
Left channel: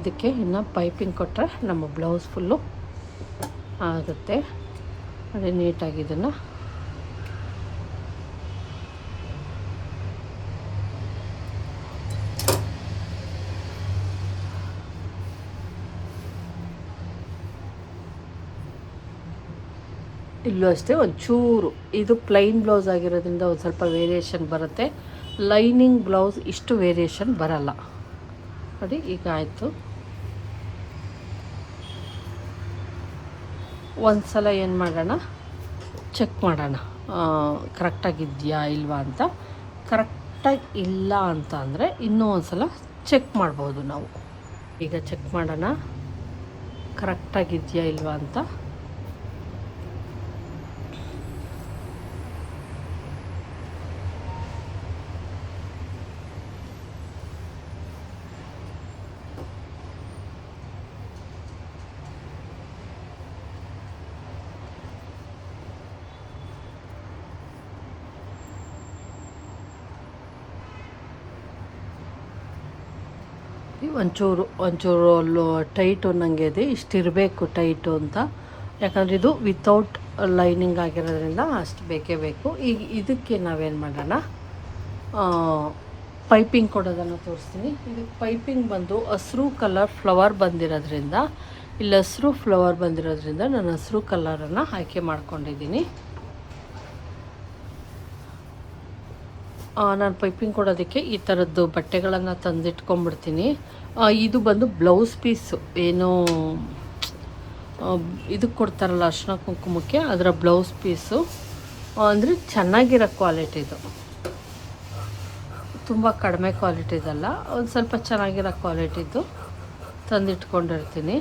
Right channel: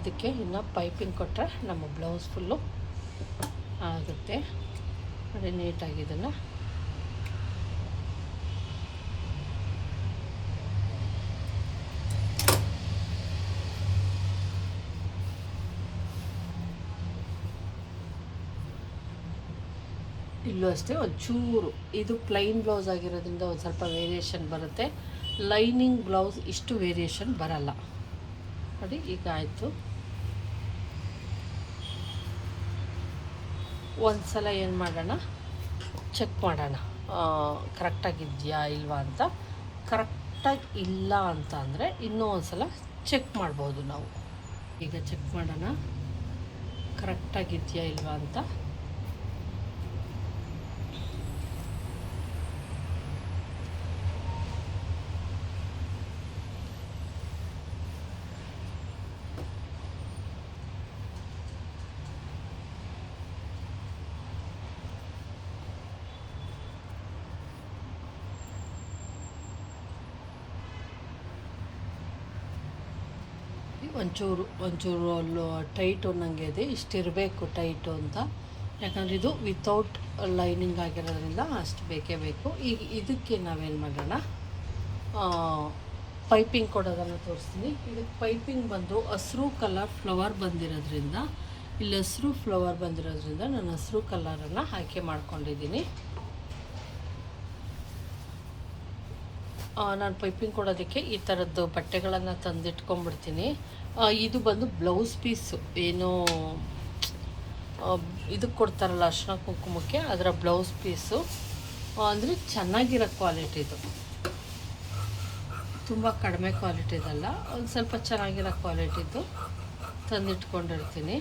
ಇದಕ್ಕೆ ಇನ್ನು ಪೈಪಿಂಗ್ ಕೊಟ್ಟರೆ ನಮ್ಮ ಬ್ಲೌಸ್ ಫುಲ್ಲು ಆಗುತ್ತೆ. ಅದೇ ನೀಟಾಗಿ ಇದನ್ನು ಇಲ್ಲೂ ಅಷ್ಟೇ ಒಂಚೂರು ಇದು ಪ್ಲೈನ್ ಬ್ಲೌಸ್ ಆಗಿರೋದ್ರಿಂದ ಒಂದು ಸ್ವಲ್ಪ ವೇರಿಯೇಷನ್ ಬರುತ್ತೆ. ಲೈನಿಂಗ್ ಬ್ಲೌಸ್ ಇಷ್ಟು ವೇರಿಯೇಷನ್ ಬರಲ್ಲ. ನೋಡಿ ಈಗ ಆಯಿತು. ಒಂದು ಸಲ ಏನು ಮಾಡೋಣ, ಚೆಕ್ ಮಾಡೋಣ ಕರೆಕ್ಟಾಗಿದೆಯಾ ಇಲ್ವಾ ಅಂತ. ಕರೆಕ್ಟಾಗಿ ಇಲ್ಲ ಅಂತ ಅಂದರೆ ಇನ್ನೂ ಒಂದು ಸಲ ಚೆಕ್ ಮಾಡ್ಬೋದು ನಾವು. ಈಗ ಚೆಕ್ ಮಾಡೋಣ ಕರೆಕ್ಟಾಗಿದೆಯಾ ಇಲ್ವಾ ಅಂತ. ಒಂಚೂರು ಟೈಟು ನನಗೆ ಇದೆ, ಇಷ್ಟಿರಬೇಕು ಟೈಟು ಅಂತ. ಯಾಕಂದರೆ ಇದು ವಿತೌಟ್ ಲೈನಿಂಗ್ ಆಗಿರೋದ್ರಿಂದ ಅಷ್ಟು ಬೇಕೇ ಬೇಕು. ಈಗ ಇದಕ್ಕೆ ನಾವೇನು ಮಾಡೋಣ, ಪೈಪಿಂಗ್ ಕೊಡೋದನ್ನು ತೋರಿಸ್ತೀನಿ. ಇದಕ್ಕೆ ಪೈಪಿಂಗ್ ಬಂದು ಹಸಿರು ಕಲರ್ ಫ್ಲವರ್ ಬಂದಿರೋದ್ರಿಂದ, ಇಲ್ಲಿ ಹಸಿರು ಫ್ಲವರ್ ಬಂದಿರೋದ್ರಿಂದ ನಾನು ಹಸಿರು ಕಲರನ್ನು ಆಯ್ಕೆ ಮಾಡ್ಕೊಂಡಿದ್ದೀನಿ. ನಾನು ಪೈಪಿಂಗ್ ಕೊಡೋದಕ್ಕೆ ಈ ಥರದ್ದು ಬಟ್ಟೆಗಳನ್ನು ತಂದಿಟ್ಕೊಂಡ್ಬಿಡ್ತೀನಿ. ಇದು ಬಂದು ಬ್ಲೌಸ್ ಪೀಸು, ಏನೋ ಇದಕ್ಕೆ ಕೊಡ್ತಾರಲ್ಲ ಅರ್ಶಿನ ಕುಂಕುಮಕ್ಕೆ, ಅದರ ಬ್ಲೌಸ್ ಪೀಸು. ಅಂದರೆ ಚೆನ್ನಾಗಿರೋ ಕ್ವಾಲಿಟಿದು, ತುಂಬ ಕಡಿಮೆ ಕ್ವಾಲಿಟಿದಲ್ಲ, ಒಂದು ಸ್ವಲ್ಪ ಚೆನ್ನಾಗಿರೋ ಕ್ವಾಲಿಟಿದು ತಂದಿಟ್ಕೊಂಡಿರ್ತೀನಿ.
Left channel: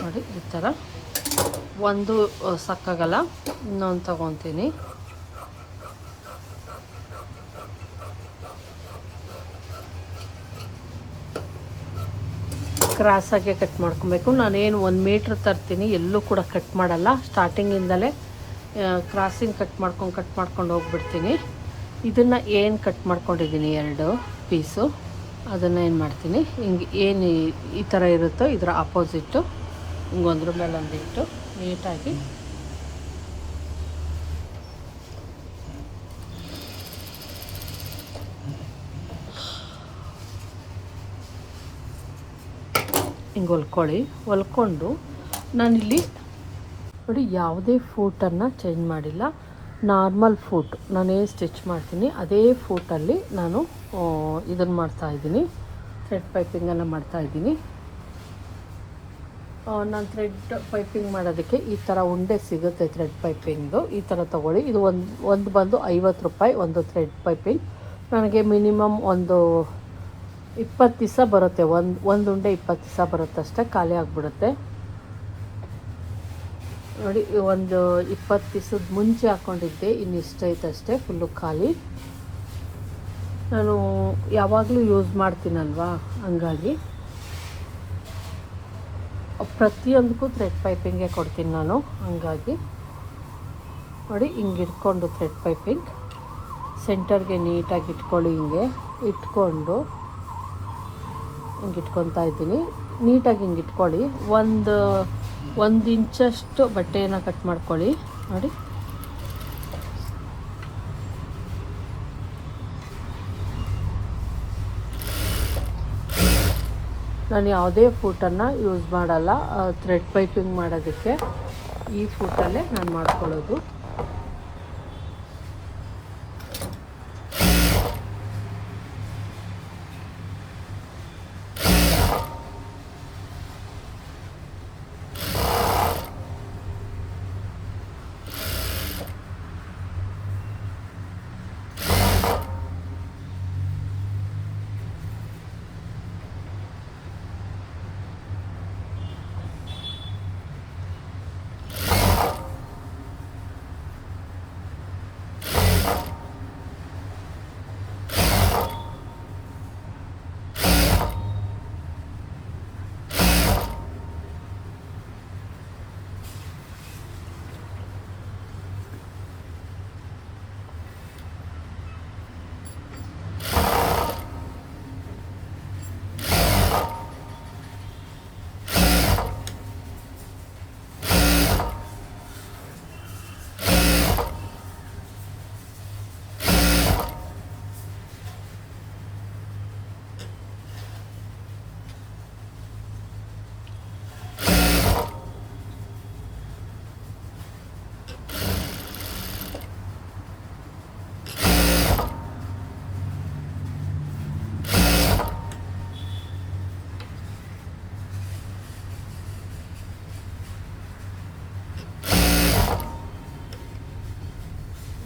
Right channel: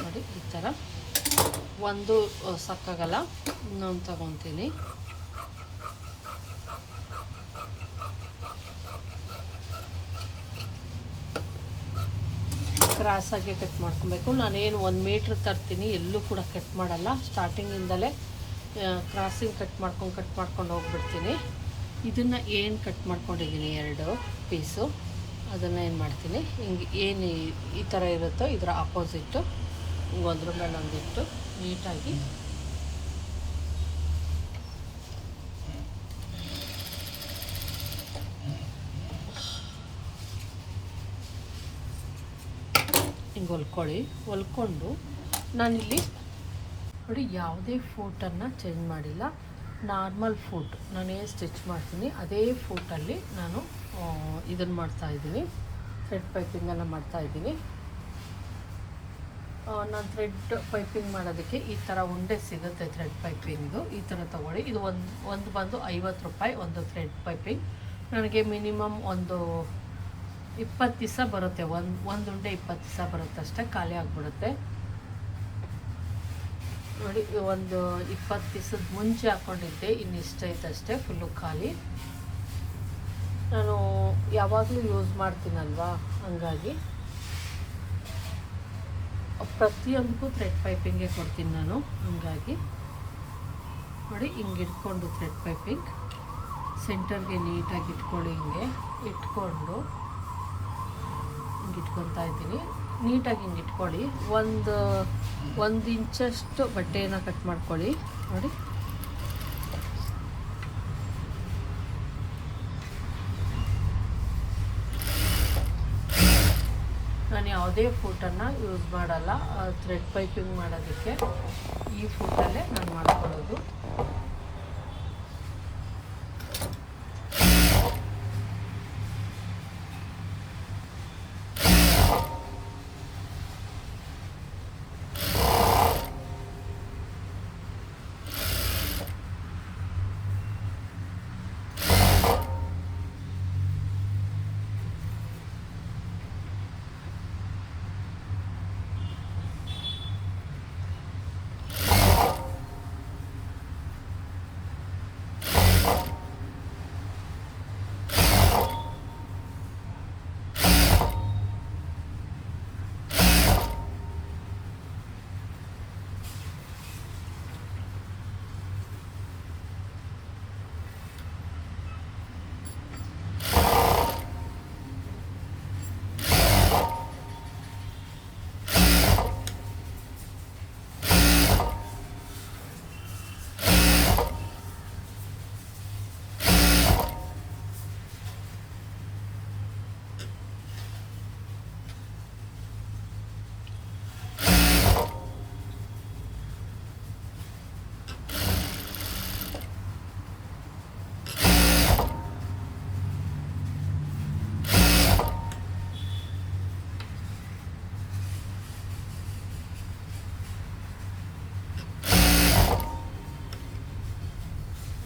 ನೋಡಿ ಈ ಥರ ಒಂದು ಸಾಕಾಗಲ್ಲ, ಇನ್ನೊಂದು ತಗೊತೀನಿ. ಕ್ರಾಸಾಗೆ ಕಟ್ ಮಾಡ್ಕೊಬೇಕು. ನಾನೇನು 1 ಮೀಟ್ರ್ ತರ್ತೀನಿ, ಎಲ್ಲೂ ಕೂಡ ಕಟ್ ಮಾಡಲ್ಲ, ಸ್ಟಾರ್ಟಿಂಗಿಂದಲೇ ಕ್ರಾಸಿಂಗ್ ಕಟ್ ಮಾಡ್ಕೊಂಡು ಹೋಗ್ಬಿಡ್ತೀನಿ. ಇದನ್ನು ಏನು ಕಟ್ ಮಾಡ್ಕೊಂಡಿದ್ದೀನಿ 2 ಪೀಸು, ಅದನ್ನು ಏನು ಮಾಡ್ತೀನಿ, ಹಿಂಗೆ ಏನು ಈ ಥರ ಇರುತ್ತೋ ಇದರ ಆಪೋಸಿಟ್ಟು ಹಿಂಗೆ ಒಂದ್ರ ಮೇಲೆ ಒಂದಿಟ್ಟು ನೀಟಾಗಿ ಹಿಂಗೆ ಹೊಲ್ಕೊಂಡು ನಾನಿಲ್ಲಿ ನೋಡಿ ಯಾವುದೇ ಫೂಟನ್ನು ಚೇಂಜ್ ಮಾಡಿಲ್ಲ, ನಾರ್ಮಲ್ ಫೂಟ್ ನಾನೇನು ಸ್ಟಿಚ್ ಮಾಡ್ತೀನಿ ಅದೇ ಫೂಟಲ್ಲಿ ನಾನು ಇದನ್ನು ಮಾಡ್ತಾಯಿದ್ದೀನಿ, ಥ್ರೆಡ್ ಪೈಪಿಂಗನ್ನು ಮಾಡ್ತಾಯಿದ್ದೀನಿ. ನಾನು ಥ್ರೆಡ್ ಪೈಪಿಂಗ್ ಮಾಡೋದಕ್ಕೆ ಈ ಥರ ಉಂಡೆ ಸಿಗುತ್ತೆ, ಥ್ರೆಡ್ ಪೈಪಿಂಗು ಈ ಥರ ತೊಗೊಳ್ಳಿ. ಇದು ಒಂದು ಬಂದು 50 ರೂಪಾಯಿ ಒಂದು ಥ್ರೆಡ್ ಪೈಪಿಂಗ್. ನನಗೆ ಮಿನಿಮಮ್ ಒಂದು 20 ದಿವಸ ಬರುತ್ತೆ, ಒಂದು ಉಂಡೆ 20 ದಿವಸ ಬರುತ್ತೆ ಅಷ್ಟೇ, ಖಾಲಿ ಆಗಿಬಿಡುತ್ತೆ. ನೋಡಿ ಒಂದು 20 ದಿವಸದ ಮುಂಚೆ ಹಾಕ್ಕೊಂಡಿದ್ದೆ, ಇನ್ನು ಇಷ್ಟ ಐತೆ ಅಷ್ಟೇ, ಫುಲ್ಲು ಖಾಲಿ. ನಾನು ಯಾವಾಗಲೂ ಯೂಸ್ ಮಾಡ್ತೀನಲ್ವಾ, ಹಂಗಾಗಿ ಪ್ರತಿಯೊಂದಕ್ಕೂ ಥ್ರೆಡ್ ಪೈಪಿಂಗೇ ಕೊಡ್ತೀನಿ ನಾನು. ಹಂಗಾಗಿ ನೋಡಿ ಹಿಂಗೆ ಇಟ್ಕೊಂಡು ಥ್ರೆಡ್ ಪೈಪಿಂಗ್ ಸೆಂಟರ್ಗೆ ನೀಟಾಗಿ ಇಟ್ಕೊಳ್ಳಿ, ಹಿಂಗೆ ಇಟ್ಕೊಂಡು ಹಿಂಗೆ ಇಟ್ಕೊತಾ ಇದ್ದೀನಿ. ನೀಟಾಗಿ ಹಿಂಗೆ ಇಟ್ಕೊಳ್ಳಿ. ಒಂದು ಇಂಚಷ್ಟು ಬಟ್ಟೆಯನ್ನು ಕಟ್ ಮಾಡ್ಕೊಳ್ಳಿ. ನೋಡಿ ನಾನು ಯಾವುದೇ ಫೂಟನ್ನು ಯೂಸ್ ಮಾಡಲ್ಲ ಥ್ರೆಡ್ ಪೈಪಿಂಗ್ ಮಾಡೋದಕ್ಕೆ, ಈ ಫೂಟಲ್ಲೇ ನಾನು ಮಾಡ್ಕೊಳ್ಳೋದು.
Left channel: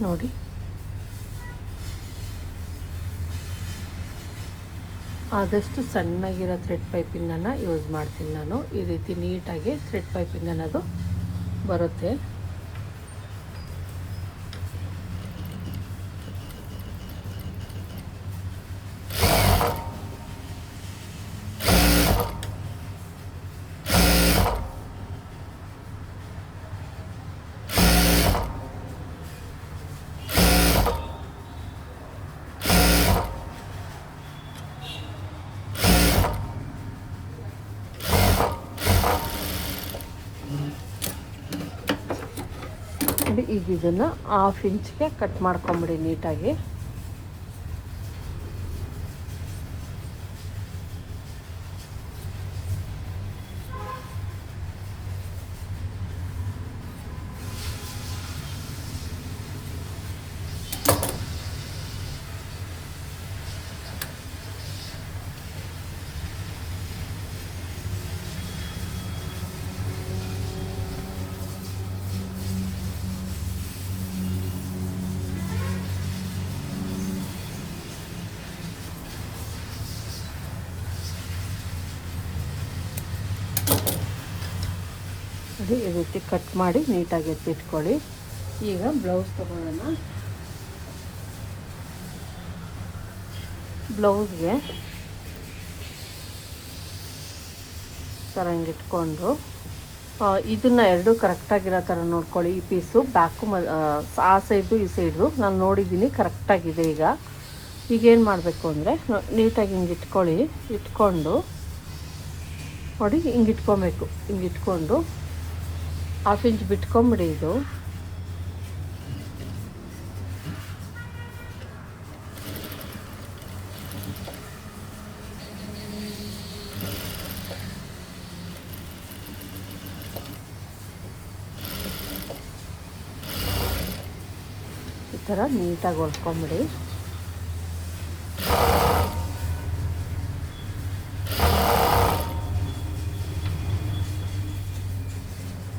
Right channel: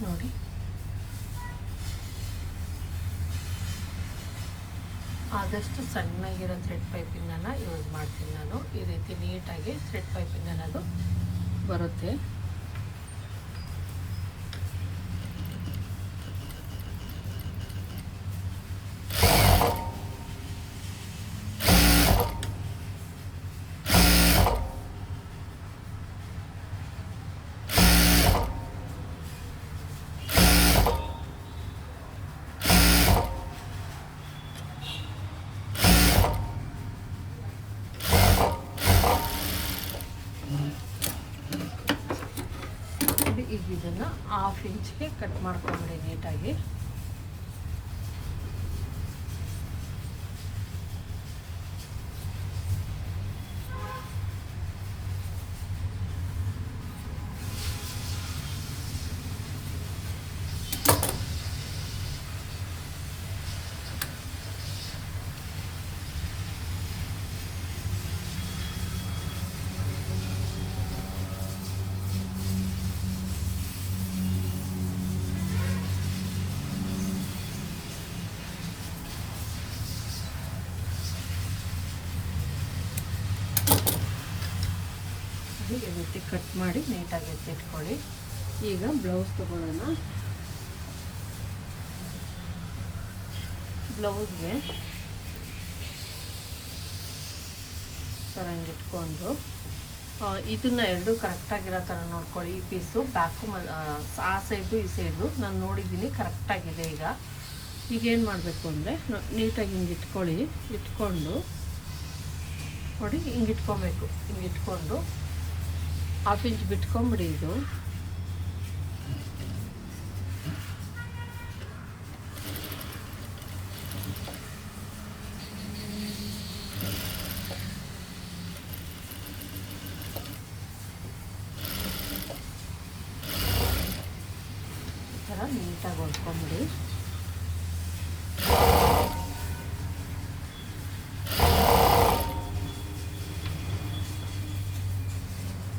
ನೋಡಿ ಆದಷ್ಟು ಸಣ್ಣಗಿರೋ ಥ್ರೆಡ್ ಪೈಪಿಂಗನ್ನು ಯೂಸ್ ಮಾಡ್ತೀನಿ ನಾನು. ಈ ರೀತಿ ನೀಟಾಗಿ ಥ್ರೆಡ್ ಪೈಪಿಂಗ್ ಅನ್ನೋದು ಬರುತ್ತೆ. ಈಗ ಇದನ್ನು 1/2 ಇಂಚ್ಗೆ ಕಟ್ ಮಾಡ್ಕೊಂಬಿಡಿ ನೀಟಾಗಿ. ಈ ರೀತಿ ಕಟ್ ಮಾಡಿ ನೀಟಾಗಿ ಎತ್ತಿಟ್ಕೊಳ್ಳಿ. ಈಗ ಬ್ಲೌಸ್ ತಗೊಳ್ಳೋಣ. ಬ್ಲೌಸ್ಗೆ ಥರ ಹಿಂಗಿಟ್ಕೊಂಡು ಇದನ್ನು ಎರಡು ಕರೆಕ್ಟಾಗಿರೋ ಥರ ನೋಡ್ಕೊಳ್ಳಿ. ಈ ಪೀಸು ಬ್ಯಾಕು ಆ ಸೈಡು ಈ ಸೈಡು ನಾನು ನೋಡಿದ್ದೀನಿ ಕರೆಕ್ಟಾಗಿದೆ. ಈಗೇನು ಮಾಡಬೇಕು ಅಂದರೆ ನೀಟಾಗಿ ಹಿಂಗೆ ಇಟ್ಕೊಳ್ಳಿ. ಇಟ್ಕೊಂಡು ನೋಡಿ ಹಿಂಗೆ ಇಟ್ಕೊಬೇಕು. ಹಿಂಗೆ ಇಟ್ಕೊಂಡು 1/2 ಇಂಚ್ ಬಿಟ್ಕೊಂಬಿಡಿ. ಇದು ಈ ಥರ ನೀಟಾಗಿ ಹೊಲ್ಕೊಂಬಿಡಿ.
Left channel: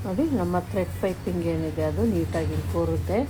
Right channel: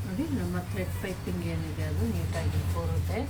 ನೋಡಿ ನಮ್ಮ ಥ್ರೆಡ್ ಪೈಪಿಂಗ್ ಏನಿದೆ ಅದು ನೀಟಾಗಿ ಕೂರುತ್ತೆ.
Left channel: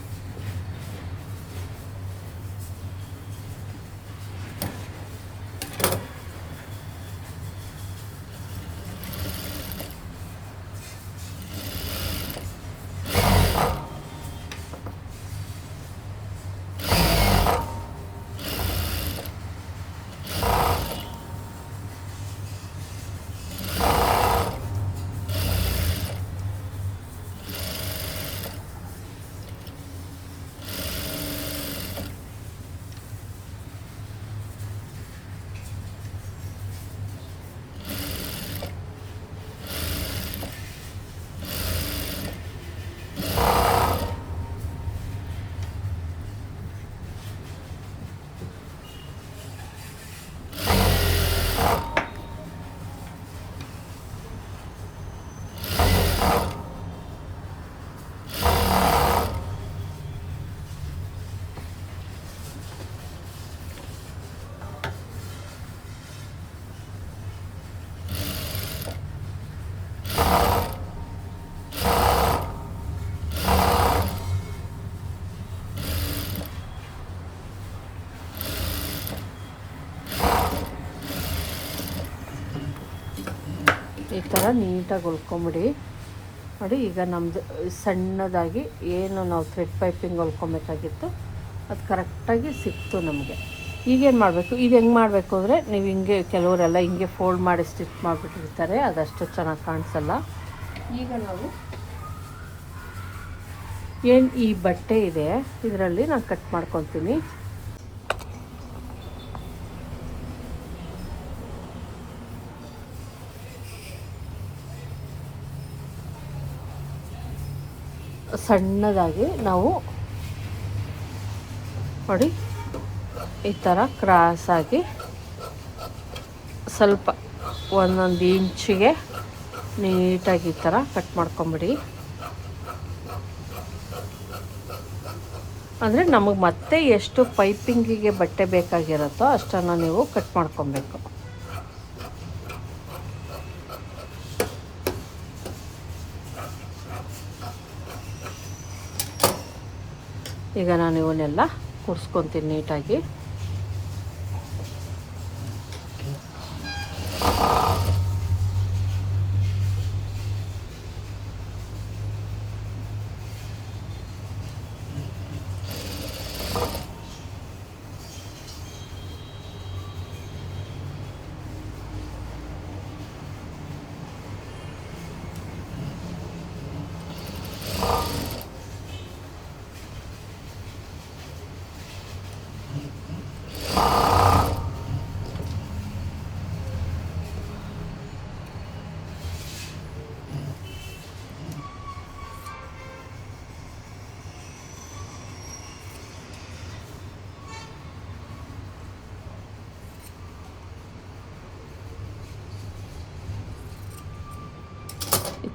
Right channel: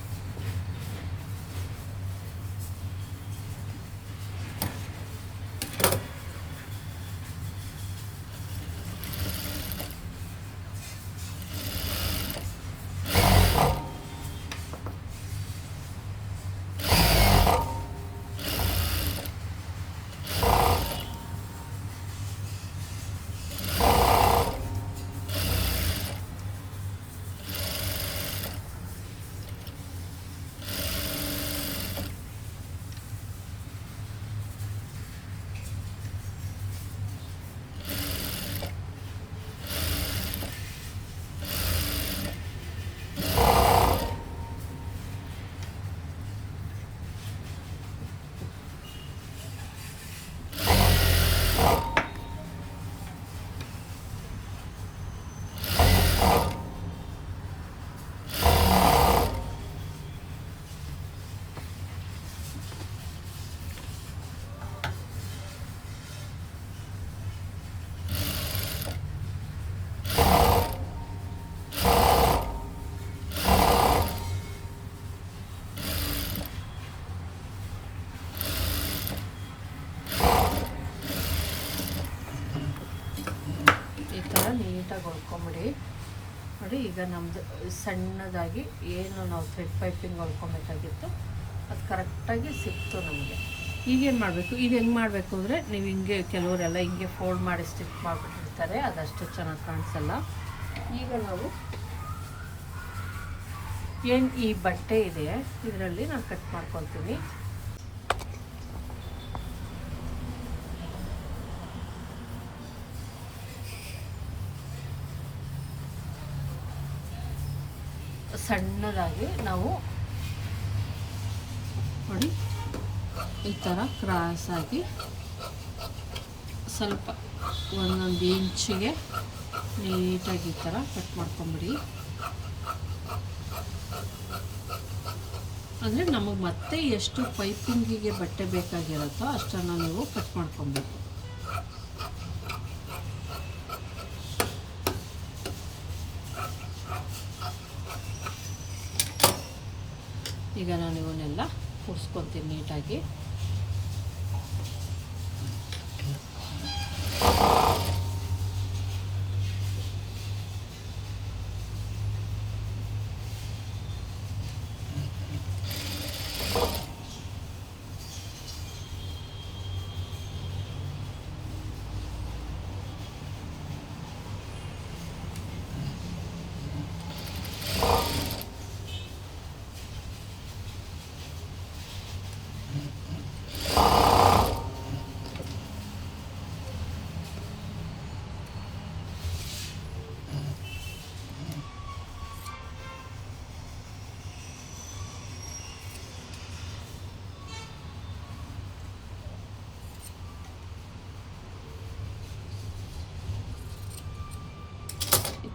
ಈ ಥರ ನೀಟಾಗಿ ಹೊಲ್ಕೊಂಬಿಡಿ. ನೋಡಿ ಈಗ ನಮ್ಮದು ಸಣ್ಣದಾಗಿ ಏನು ನಾವು ಥ್ರೆಡ್ ಪೈಪಿಂಗ್ ಹೊಲ್ಕೊಬೇಕಾಗಿತ್ತು ಅದು ಕರೆಕ್ಟಾಗಿ ಸಿಕ್ತು ನಮಗೆ. ಈಗೇನು ಮಾಡಬೇಕು, ಇದು ಹೆಂಗೆ ಮಾಡಬೇಕು ಅಂದರೆ ನೀವು ಹಿಂಗೆ ಕೆಲವರೆಲ್ಲ ಹಿಂಗೆ ಫೋಲ್ಡ್ ಮಾಡಿ ಸ್ಟಿಚ್ ಮಾಡಿಬಿಟ್ಟಿರ್ತಾರೆ, ಅದಷ್ಟು ಚೆನ್ನಾಗಿ ಕಾಣಿಸಲ್ಲ. ಈಗ ನಾವು ಏನು ಈ ಬಟ್ಟೆ ಇದೆ ಇದರಲ್ಲಿ ನಾನು ಕಟ್ ಮಾಡ್ಕೊತೀನಿ. ಸಣ್ಣದಾಗಿ ನಾವು ನೋಡಿ ಈ ಥರ ಕ್ರಾಸಾಗಿ ಸ್ವಲ್ಪ 1 ಇಂಚಿಗೆ ನೀಟಾಗಿ ಈ ಥರ ಕಟ್ ಮಾಡ್ಕೊಂಬಿಡಿ. ಅಂದರೆ ನಮಗೆ ಮತ್ತೆ ಎಷ್ಟು ಪೈಪಿಂಗಿಗೆ ಬಟ್ಟೆ ಬೇಕಾಗಿರುತ್ತೋ ಅಷ್ಟನ್ನು ನೀವು ಕಟ್ ಮಾಡ್ಕೊಬೇಕು. ಈಗ ನಾನು ಇವನ್ನೆಲ್ಲ ಕೂರಿಸ್ಕೊತೀನಿ ನೀಟಾಗಿ.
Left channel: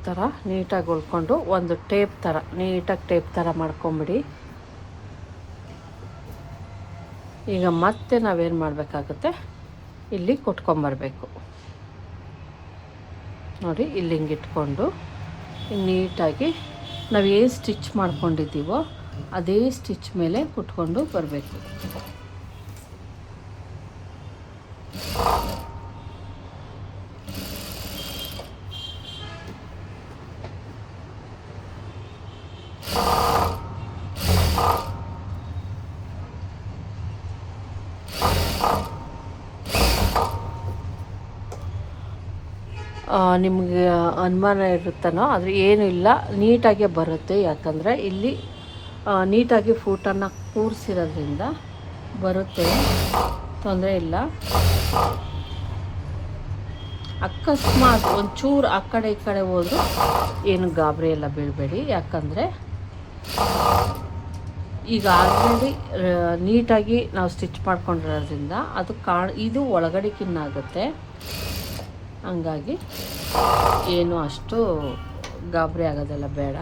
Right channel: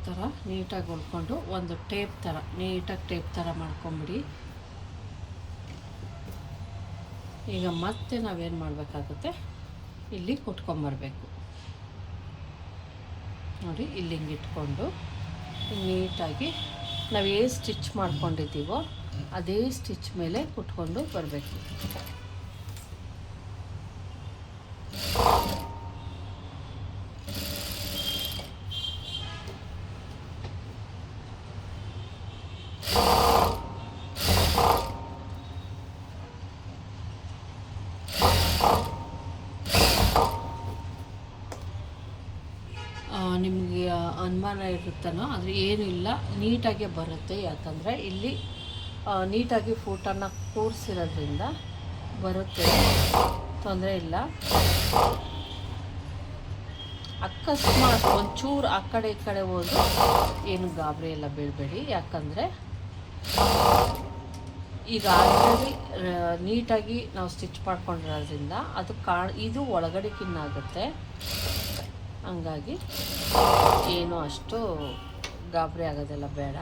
ಥರ ನೀಟಾಗಿ ಹೊಲ್ಕೊಂಡು ಒಂದು ಟೇಪ್ ಥರ ನೀಟಾಗಿ ಟೇಪ್ ಥರ ಮಾಡ್ಕೊಂಬಿಡಿ. ಈಗ ಮತ್ತೆ ನಾವೇನು ಮಾಡಬೇಕಾಗುತ್ತೆ, ಇಲ್ಲಿ ಕೊಟ್ಕೊಂಬರ್ಬೇಕು ನೋಡಿ. ಇಲ್ಲಿ ಹಿಂಗೆ ಇಟ್ಕೊಂಡು ನೀಟಾಗಿ ನಾವು ಏನು ಸ್ಟಿಚ್ ಮಾಡ್ಕೊಂಡಿದ್ದೀವೋ ಅದೇ ಸ್ಟಿಚ್ ಮೇಲೆ ಕುಟ್ಕೊಂಡು ಬರಬೇಕು. ನಿಮಗೆ ಅನುಮಾನ ಇರುತ್ತನೋ ಆದರೆ ಏನೂ ಇಲ್ಲ, ನೀಟಾಗೆ ಬರುತ್ತೆ. ಯಾಕಂದರೆ ಇಲ್ಲಿ ನೀಟಾಗಿ ಫೂಟನ್ನು ಕೂರಿಸಿರೋದ್ರಿಂದ ಬರುತ್ತೆ, ತೊಂದರೆ ಇಲ್ಲ. ಅಕಸ್ಮಾತ್ ಒಂಚೂರು ಆ ಕಡೆ ಈ ಕಡೆ ಹೋದ್ರೆ ಏನು ಗಾಬರಿ ಎಲ್ಲ ಬೀಳಬೇಡಿ. ಯಾಕಂದರೆ ಈಗ ಆಲ್ರೆಡಿ ನೀಟಾಗಿ ನಾವು ಸ್ಟಿಚ್ ಮಾಡ್ಕೊಂಡಿರೋದ್ರಿಂದ ಅದು ಇದು ಒಳಗಡೆಗಿನ್ನಾಗುತ್ತೆ. ಹಂಗಾಗಿ ಏನು ಅಷ್ಟು ಗಾಬರಿ ಆಗೋದೆಲ್ಲ ಬೇಡ.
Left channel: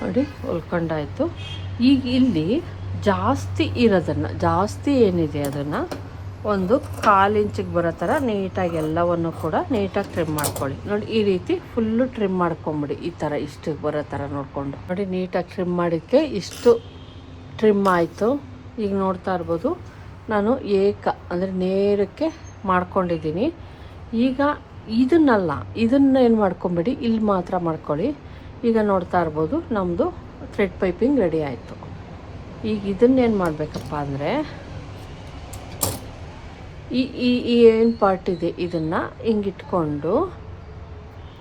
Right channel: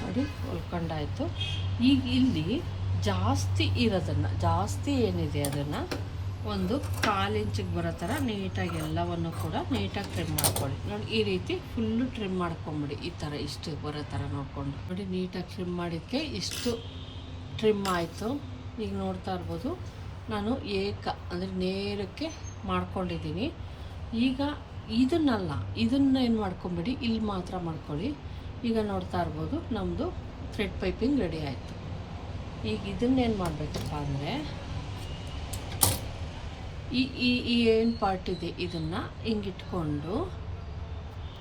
ನೋಡಿ ಹೊಲ್ಕೊಂಡಾಯಿತು. ಈಗ ಇಲ್ಲಿ ಜಾಸ್ತಿ ಇರೋದನ್ನು, ಜಾಸ್ತಿ ಏನಿದೆ ಅದನ್ನು ಒಂದು 1/4 ಇಂಚಿಗೆ ಬರೋ ಥರ ನೀಟಾಗಿ ಎಲ್ಲವನ್ನು ಕೂಡ ನೀಟಾಗಿ ಟ್ರಿಮ್ ಮಾಡ್ಕೊಳ್ಳಿ. ನೋಡಿ ಈ ರೀತಿ ಫುಲ್ಲು ಟ್ರಿಮ್ ಮಾಡ್ಕೊಂಬಿಡಿ. ಈ ಥರ ಇಷ್ಟು ಬರೋ ಥರ ನೋಡಿಕೊಂಡು ನೋಡಿ ನೀಟಾಗಿ ಟ್ರಿಮ್ ಮಾಡಿದ್ದಕ್ಕೆ ಇಷ್ಟು ಟ್ರಿಮ್ ಆಯಿತು. ಈಗ ನೋಡ್ತಾ ಇರ್ಬೋದು ನಾನು ಅಂದರೆ ನೇರಕ್ಕೆ ಮಾಡ್ಕೊಂಡಿದ್ದೀನಿ. ಈಗ ಇದನ್ನು ಏನು ಮಾಡ್ಕೊಂಬಿಡಿ, ಇಲ್ಲಿ ಮಾತ್ರ ಮಾಡ್ಕೊಳ್ಳಿ. ಈಗ ನೋಡ್ತಾ ಇರ್ಬೋದು ನಮ್ಮದು ಥ್ರೆಡ್ ಪೈಪಿಂಗ್ ರೆಡಿ ಆಯಿತು. ಈಗ ಇದನ್ನೇನು ಮಾಡಬೇಕಪ್ಪ ಅಂದರೆ ಈ ಏನು ಪಾರ್ಟ್ ಇದೆ ಇದನ್ನು ಹಿಂಗಿಟ್ಕೊಂಡು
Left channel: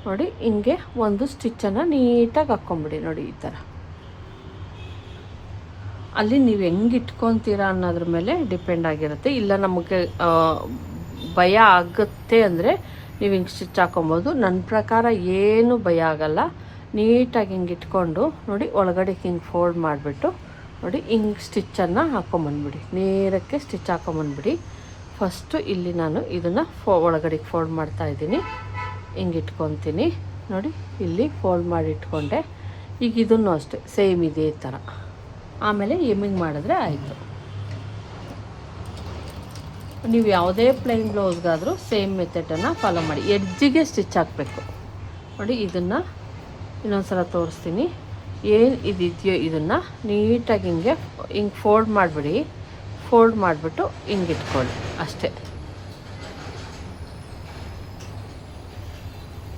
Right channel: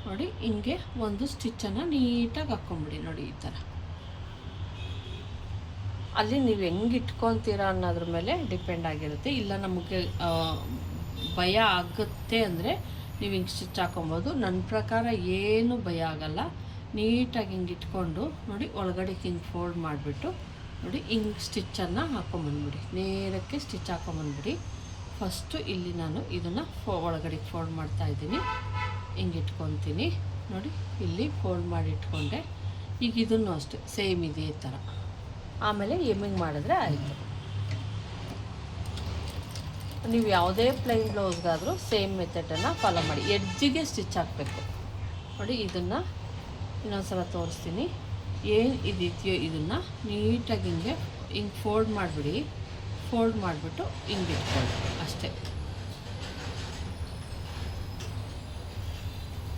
ನೋಡಿ ಹಿಂಗೆ ಒಂದು ಸ್ಟಿಚ್ಚನ್ನು ನೀಟಾಗಿ ಹಾಕ್ಕೊಂಬಿಡಿ. ನೋಡಿ ಈ ಥರ ಅಲ್ಲಿ ನೀವು ಹೆಂಗೆ ಇಟ್ಕೊತೀರಾ ಅನ್ನೋದ್ರ ಮೇಲೆ ಡಿಪೆಂಡ್ ಆಗಿರುತ್ತೆ. ಇಲ್ಲ ನಮಗೆ ಭಯ ಆಗುತ್ತೆ ಅಂದರೆ ನೀವು ಹಿಂಗೆ ಸ್ಟಿಚ್ ಹಾಕೊಬೋದು. ನನ್ನ ಪ್ರಕಾರ ಏನು ಭಯ ಆಗಲ್ಲ. ನೀಟಾಗಿ ಹಿಂಗೆ ಇಟ್ಕೊಂಡು ನೋಡಿ ಒಳಗಡೆ ಹಿಂಗೆ ಫೋಲ್ಡ್ ಮಾಡಿಬಿಟ್ಟು ನೋಡಿ ಹಿಂಗೆ ಸ್ಟಿಚ್ಚನ್ನು ಹಾಕ್ಕೊಂಬಂದ್ಬಿಡಿ. ನೇರಕ್ಕೆ ಸ್ಟಿಚ್ ಹಾಕ್ಕೊಂಬಂದ್ಬಿಡಿ. ಫಸ್ಟು ಇಲ್ಲಿ ನಾನು ಇದನ್ನು ಒಳಗಡೆಗೆ ಫೋಲ್ಡ್ ಮಾಡ್ತಾಯಿದ್ದೀನಿ. ಹಿಂಗೆ ಇಟ್ಕೊತೀನಿ ನೋಡಿ, ಇಲ್ಲಿ ಫೋಲ್ಡ್ ಮಾಡಿ ಇಟ್ಕೊಂಡೆ. ಈಗ ಇದನ್ನು ಅಷ್ಟೇ ಸೇಮ್ ಇದೇ ಥರ ಆಮೇಲೆ ಎಮ್ಮಿಂಗ್ ಮಾಡಿದ್ರೆ ಆಯಿತು. ನೀವು ಯಾವುದೇ ಪ್ಲೈನ್ ಬ್ಲೌಸ್ಗಾದರೂ ಸೇಮ್ ಮೆಥಡನ್ನು ಫಾಲೋ ಮಾಡಿ. ಎಡ್ಜಿಗೆ ಸ್ಟಿಚ್ ಹಾಕಬೇಕು ನೋಡಿ. ಇದನ್ನು ಇನ್ನೊಂದು ಸಲ ತೋರಿಸ್ತೀನಿ. ಏನು ಇದೆಯೋ ಇದನ್ನು ನೀಟಾಗಿ ಹಿಂಗೆ ಫೋಲ್ಡ್ ಮಾಡಿಬಿಡಿ. ಫೋಲ್ಡ್ ಮಾಡಿಬಿಟ್ಟು ಹಿಂಗೆ ಇಟ್ಕೊಳ್ಳಿ ಅಷ್ಟೇ.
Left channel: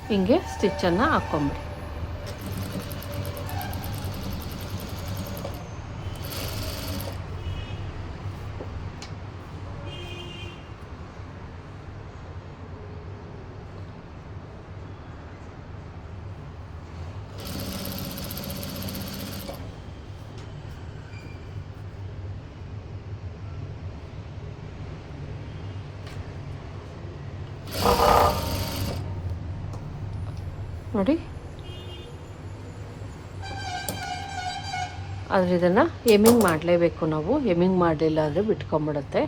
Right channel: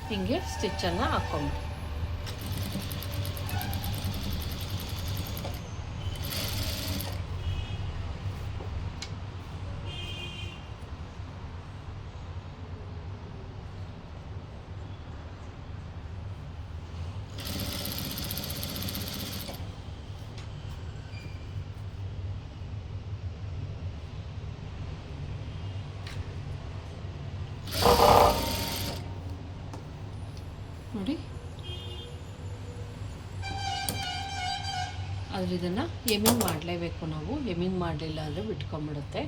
ಹಿಂಗೆ ಸ್ಟಿಚ್ಚನ್ನು ಹಾಕ್ಕೊಂಬಿಡಿ. ನೋಡಿ ಆದರೆ ಇದನ್ನು ಎಮ್ಮಿಂಗ್ ಮಾಡಲೇಬೇಕು ನಾವು. ಎಮ್ಮಿಂಗ್ ಮಾಡಲಿಲ್ಲ ಅಂದರೆ ಬಿಟ್ಕೊಂಬಿಡುತ್ತೆ.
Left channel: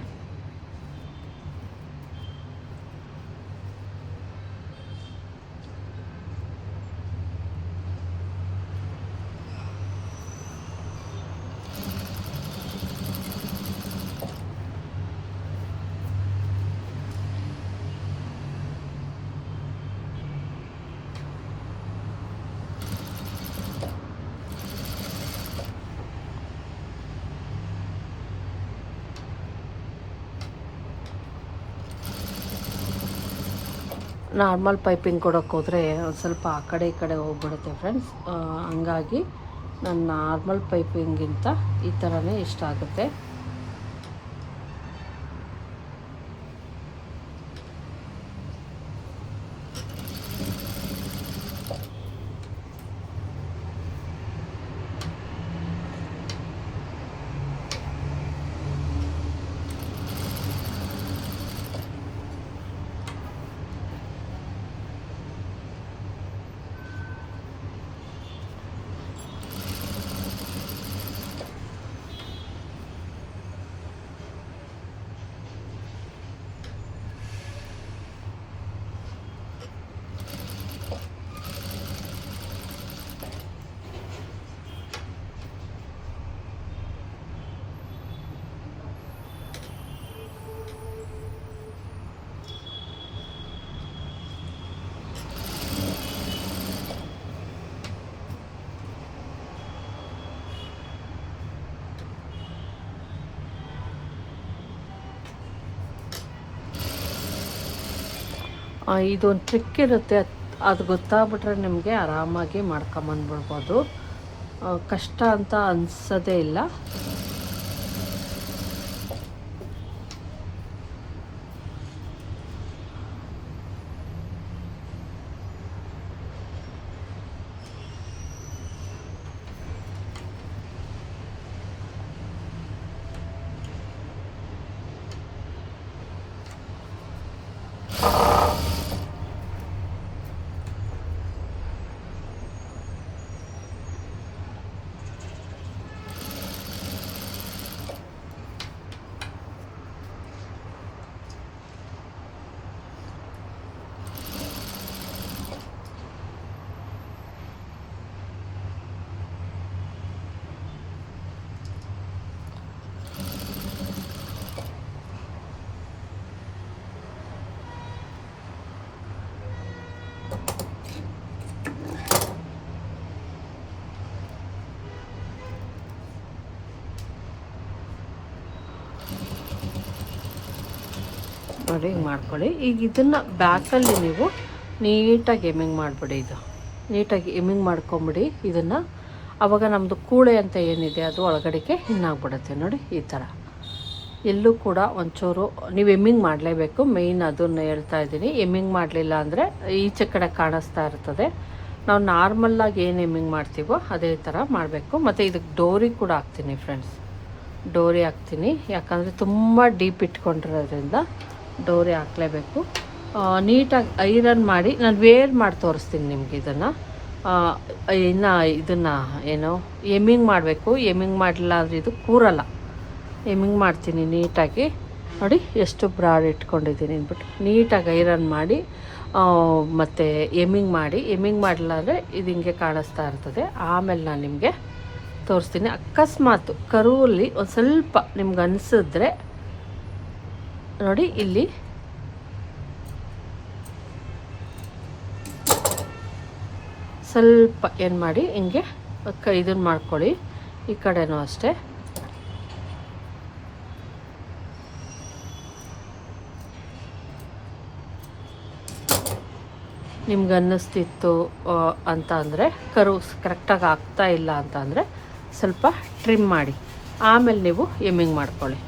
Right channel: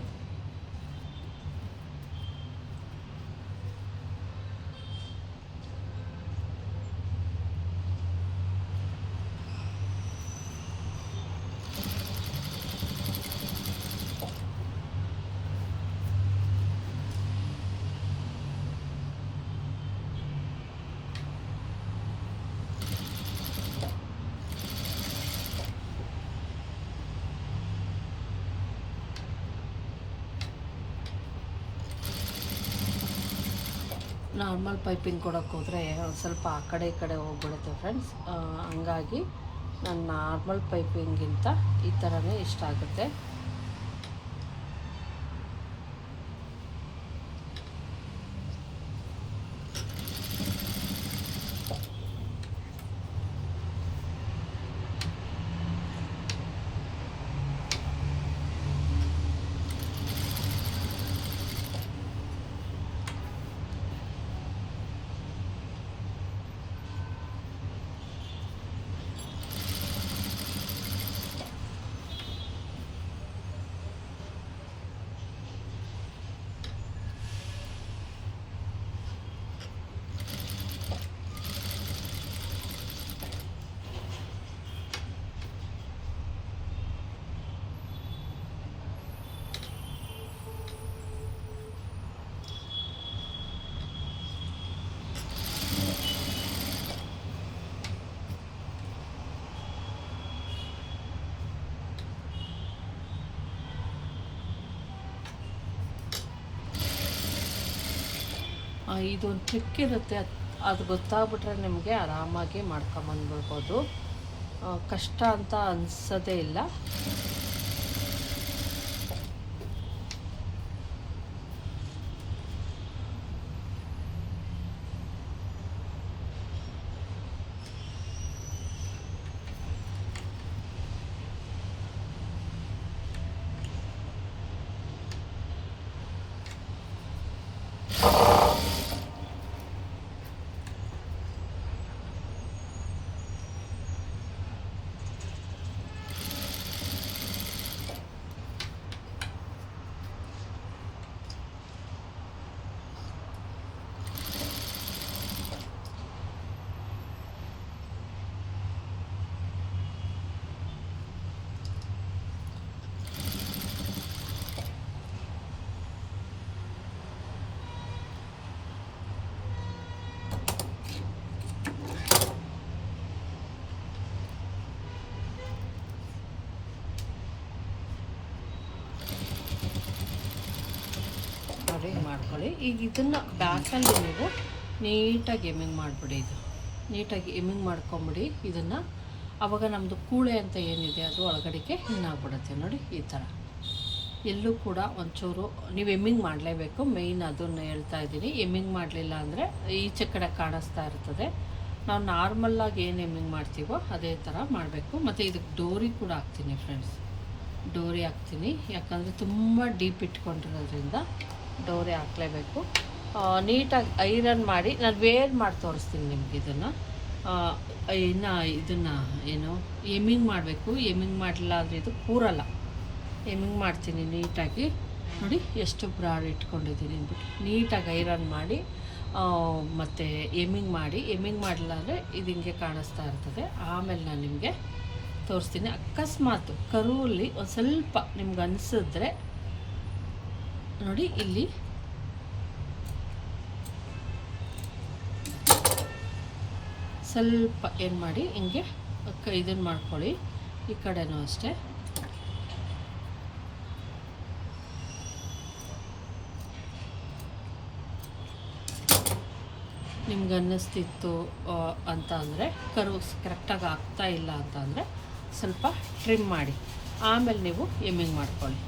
ನಾರ್ಮಲ್ ಪೈಪಿಂಗ್ ಕೊಡೋಕ್ಕೆ ಹೋದರೆ ಒಂದು ಸ್ವಲ್ಪ ಆ ಕಡೆ ಈ ಕಡೆ ಹೋಗ್ಬಿಡುತ್ತೆ ಫ್ರೆಂಡ್ಸ್. ಹಂಗಾಗಿ ನಾನು ನಾರ್ಮಲ್ ಪೈಪಿಂಗಿಂತ ಈ ಥರನೇ ಇಷ್ಟ ಆಗುತ್ತೆ. ಇದೊಂದು ಟ್ರಿಕ್ ಇರುತ್ತೆ, ಅದು ಗೊತ್ತಾಗ್ಬಿಟ್ರೆ ನಿಮಗೆ ಆರಾಮಾಗಿ ಮಾಡ್ಕೊಂಬಂದ್ಬಿಡ್ಬೋದು. ಕಷ್ಟ ಅಂತ ಅನಿಸೋದೇ ಇಲ್ಲ. ನೋಡಿ ಮಾಡ್ಕೊಳ್ಳಿ. ಈಗ ಇದನ್ನು ಬ್ಯಾಕಲ್ಲಿ ನೀವು ನೀಟಾಗಿ ಎಮ್ಮಿಂಗ್ ಮಾಡಿಬಿಡಿ. ಇದು ನೀಟಾಗಿ ಎಮ್ಮಿಂಗ್ ಮಾಡ್ಕೊಂಬಿಡಿ ಇದನ್ನು. ಆವಾಗ ನಮ್ಮದು ಕೂಳೆ ಅಂತ ಏನಿದೆ ಅದು ಒಳಗಡೆಗೆ ಇನ್ನಾಗ್ಬಿಡುತ್ತೆ. ನೋಡಿ ಈ ಥರ ಎಲ್ಲೂ ಕೂಡ ಒಂಚೂರು ನೀವು ಎಮ್ಮಿಂಗ್ ಮಾಡಲೇಬೇಕು. ಮೇಯ್ನ್ ಅದನ್ನು ಹೇಳ್ತಾ ಇದ್ದೀನಿ. ಎಮ್ಮಿಂಗ್ ಮಾಡಲಿಲ್ಲ ಅಂದರೆ ಈಚೆ ಕಡೆ ಕಾಣಿಸ್ತಾ ಇರ್ತದೆ. ನಾವು ನಾರ್ಮಲ್ಲಾಗಿ ಏನು ಎಮ್ಮಿಂಗ್ ಮಾಡ್ತೀವೋ ಅದೇ ಥರ ಮಾಡಬೇಕು. ಮತ್ತು ಇದಕ್ಕೆ ಡೋರಿ ಕೂಡ ಹಾಕ್ತೀನಿ ಫ್ರೆಂಡ್ಸ್, ಡೋರಿ ಹಾಕ್ತೀನಿ. ಯಾಕಂದರೆ ತುಂಬ ಡೀಪ್ ಇಟ್ಕೊಂಡಿರೋದ್ರಿಂದ ಡೋರಿ ಹಾಕಲೇಬೇಕು. ನೀಟಾಗಿ ಐರನ್ ಮಾಡಿ ನಾನು ವೇರ್ ಮಾಡಿ ತೋರಿಸ್ತೀನಿ ನಿಮ್ಗೆ ಇದನ್ನು. ಇನ್ನು ಇದನ್ನು ಏನು ಎಮ್ಮಿಂಗ್ ಮಾಡಬೇಕು. ಎಮ್ಮಿಂಗ್ ಮಾಡಲಿಲ್ಲ ಅಂದರೆ ಇದು ಕೂರಲ್ಲ. ಎಮ್ಮಿಂಗ್ ಮಾಡ್ತೀನಿ ನೀಟಾಗಿ. ನೋಡಿ ಎಷ್ಟು ಬ್ರಾಡ್ ಇಟ್ಕೊಂಡಿದ್ದೀನಿ ಅಂದ್ಬಿಟ್ಟು ನೀಟಾಗಿ ಐರನ್ ಮಾಡಿ ಮತ್ತು ಎಮ್ಮಿಂಗ್ ಮಾಡಿ. ಎಮ್ಮಿಂಗ್ ಮಾಡಲಿಲ್ಲ ಅಂದರೆ ಇದು ಹಿಂಗೆ ಕಾಣಿಸ್ತಾ ಇರ್ತದೆ. ಆಮೇಲೆ ನಾನು ನಿಮಗೆ ತೋರಿಸ್ತೀನಿ. ಅಕಸ್ಮಾತ್ ಕರುವಲ್ಲಿ ಒಂದು ಸ್ವಲ್ಪ ನಿಮ್ಗೆ ಅನಿಸಿದ್ರೆ ನೋಡಿ ಇಲ್ಲಿ ಸ್ವಲ್ಪ ಏನು ಮಾಡಿ ಹಿಂಗೆ ಇದನ್ನು ಮಾಡ್ಕೊಳ್ಳಿ. ಈ ಕಡೆನೂ ಅಷ್ಟೇ. ನಿಮ್ಗೆ ಅನ್ನಿಸ್ತಿತ್ತು ಅಂತ ಅಂದರೆ ಕರು ಕರೆಕ್ಟಾಗಿ ಆಗ್ತಾ ಇಲ್ಲ ಅಂತ ಅಂದರೆ ಸ್ವಲ್ಪ ಟ್ರಿಮ್ ಮಾಡಿ ಆಮೇಲೆ ನೀವು ಎಮ್ಮಿಂಗ್ ಮಾಡ್ಕೊಳ್ಳಿ.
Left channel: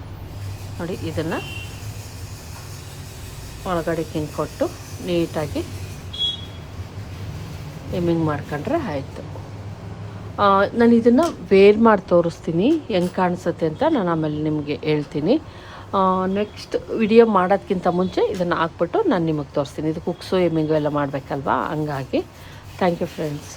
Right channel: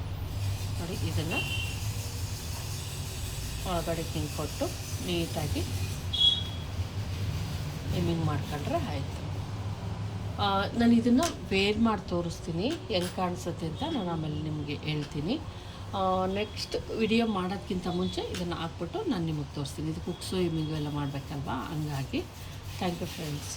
ನೋಡಿ ಇದನ್ನು ಒಳಗಡೆ ಕೊಟ್ಟು ನೀಟಾಗಿ ಎಮ್ಮಿಂಗ್ ಮಾಡ್ಕೊಂಡ್ರೆ ಆಯಿತು. ನಾನು ಇದನ್ನು ವೇರ್ ಮಾಡಿ ತೋರಿಸ್ತೀನಿ ಹೆಂಗೆ ಕಾಣಿಸುತ್ತೆ ಅಂತ ನಾನು ಆಮೇಲೆ ನಿಮಗೆ ಹೇಳ್ತೀನಿ. ನೆಕ್ಸ್ಟ್ ವಿಡಿಯೋ ಮಾಡೋದಕ್ಕಿಂತ ಮುಂಚೆ ಇದನ್ನು ಹಾಕ್ಬಿಟ್ಟು ನಾನು ನಿಮಗೆ ತೋರಿಸ್ತೀನಿ. ಇದು ಕುಕ್ಸು ಎಮ್ಮಿಂಗು ಎಲ್ಲ ಮಾಡಬೇಕಲ್ವಾ, ಹಂಗಾಗಿ ಥ್ಯಾಂಕ್ ಯು ಫ್ರೆಂಡ್ಸ್.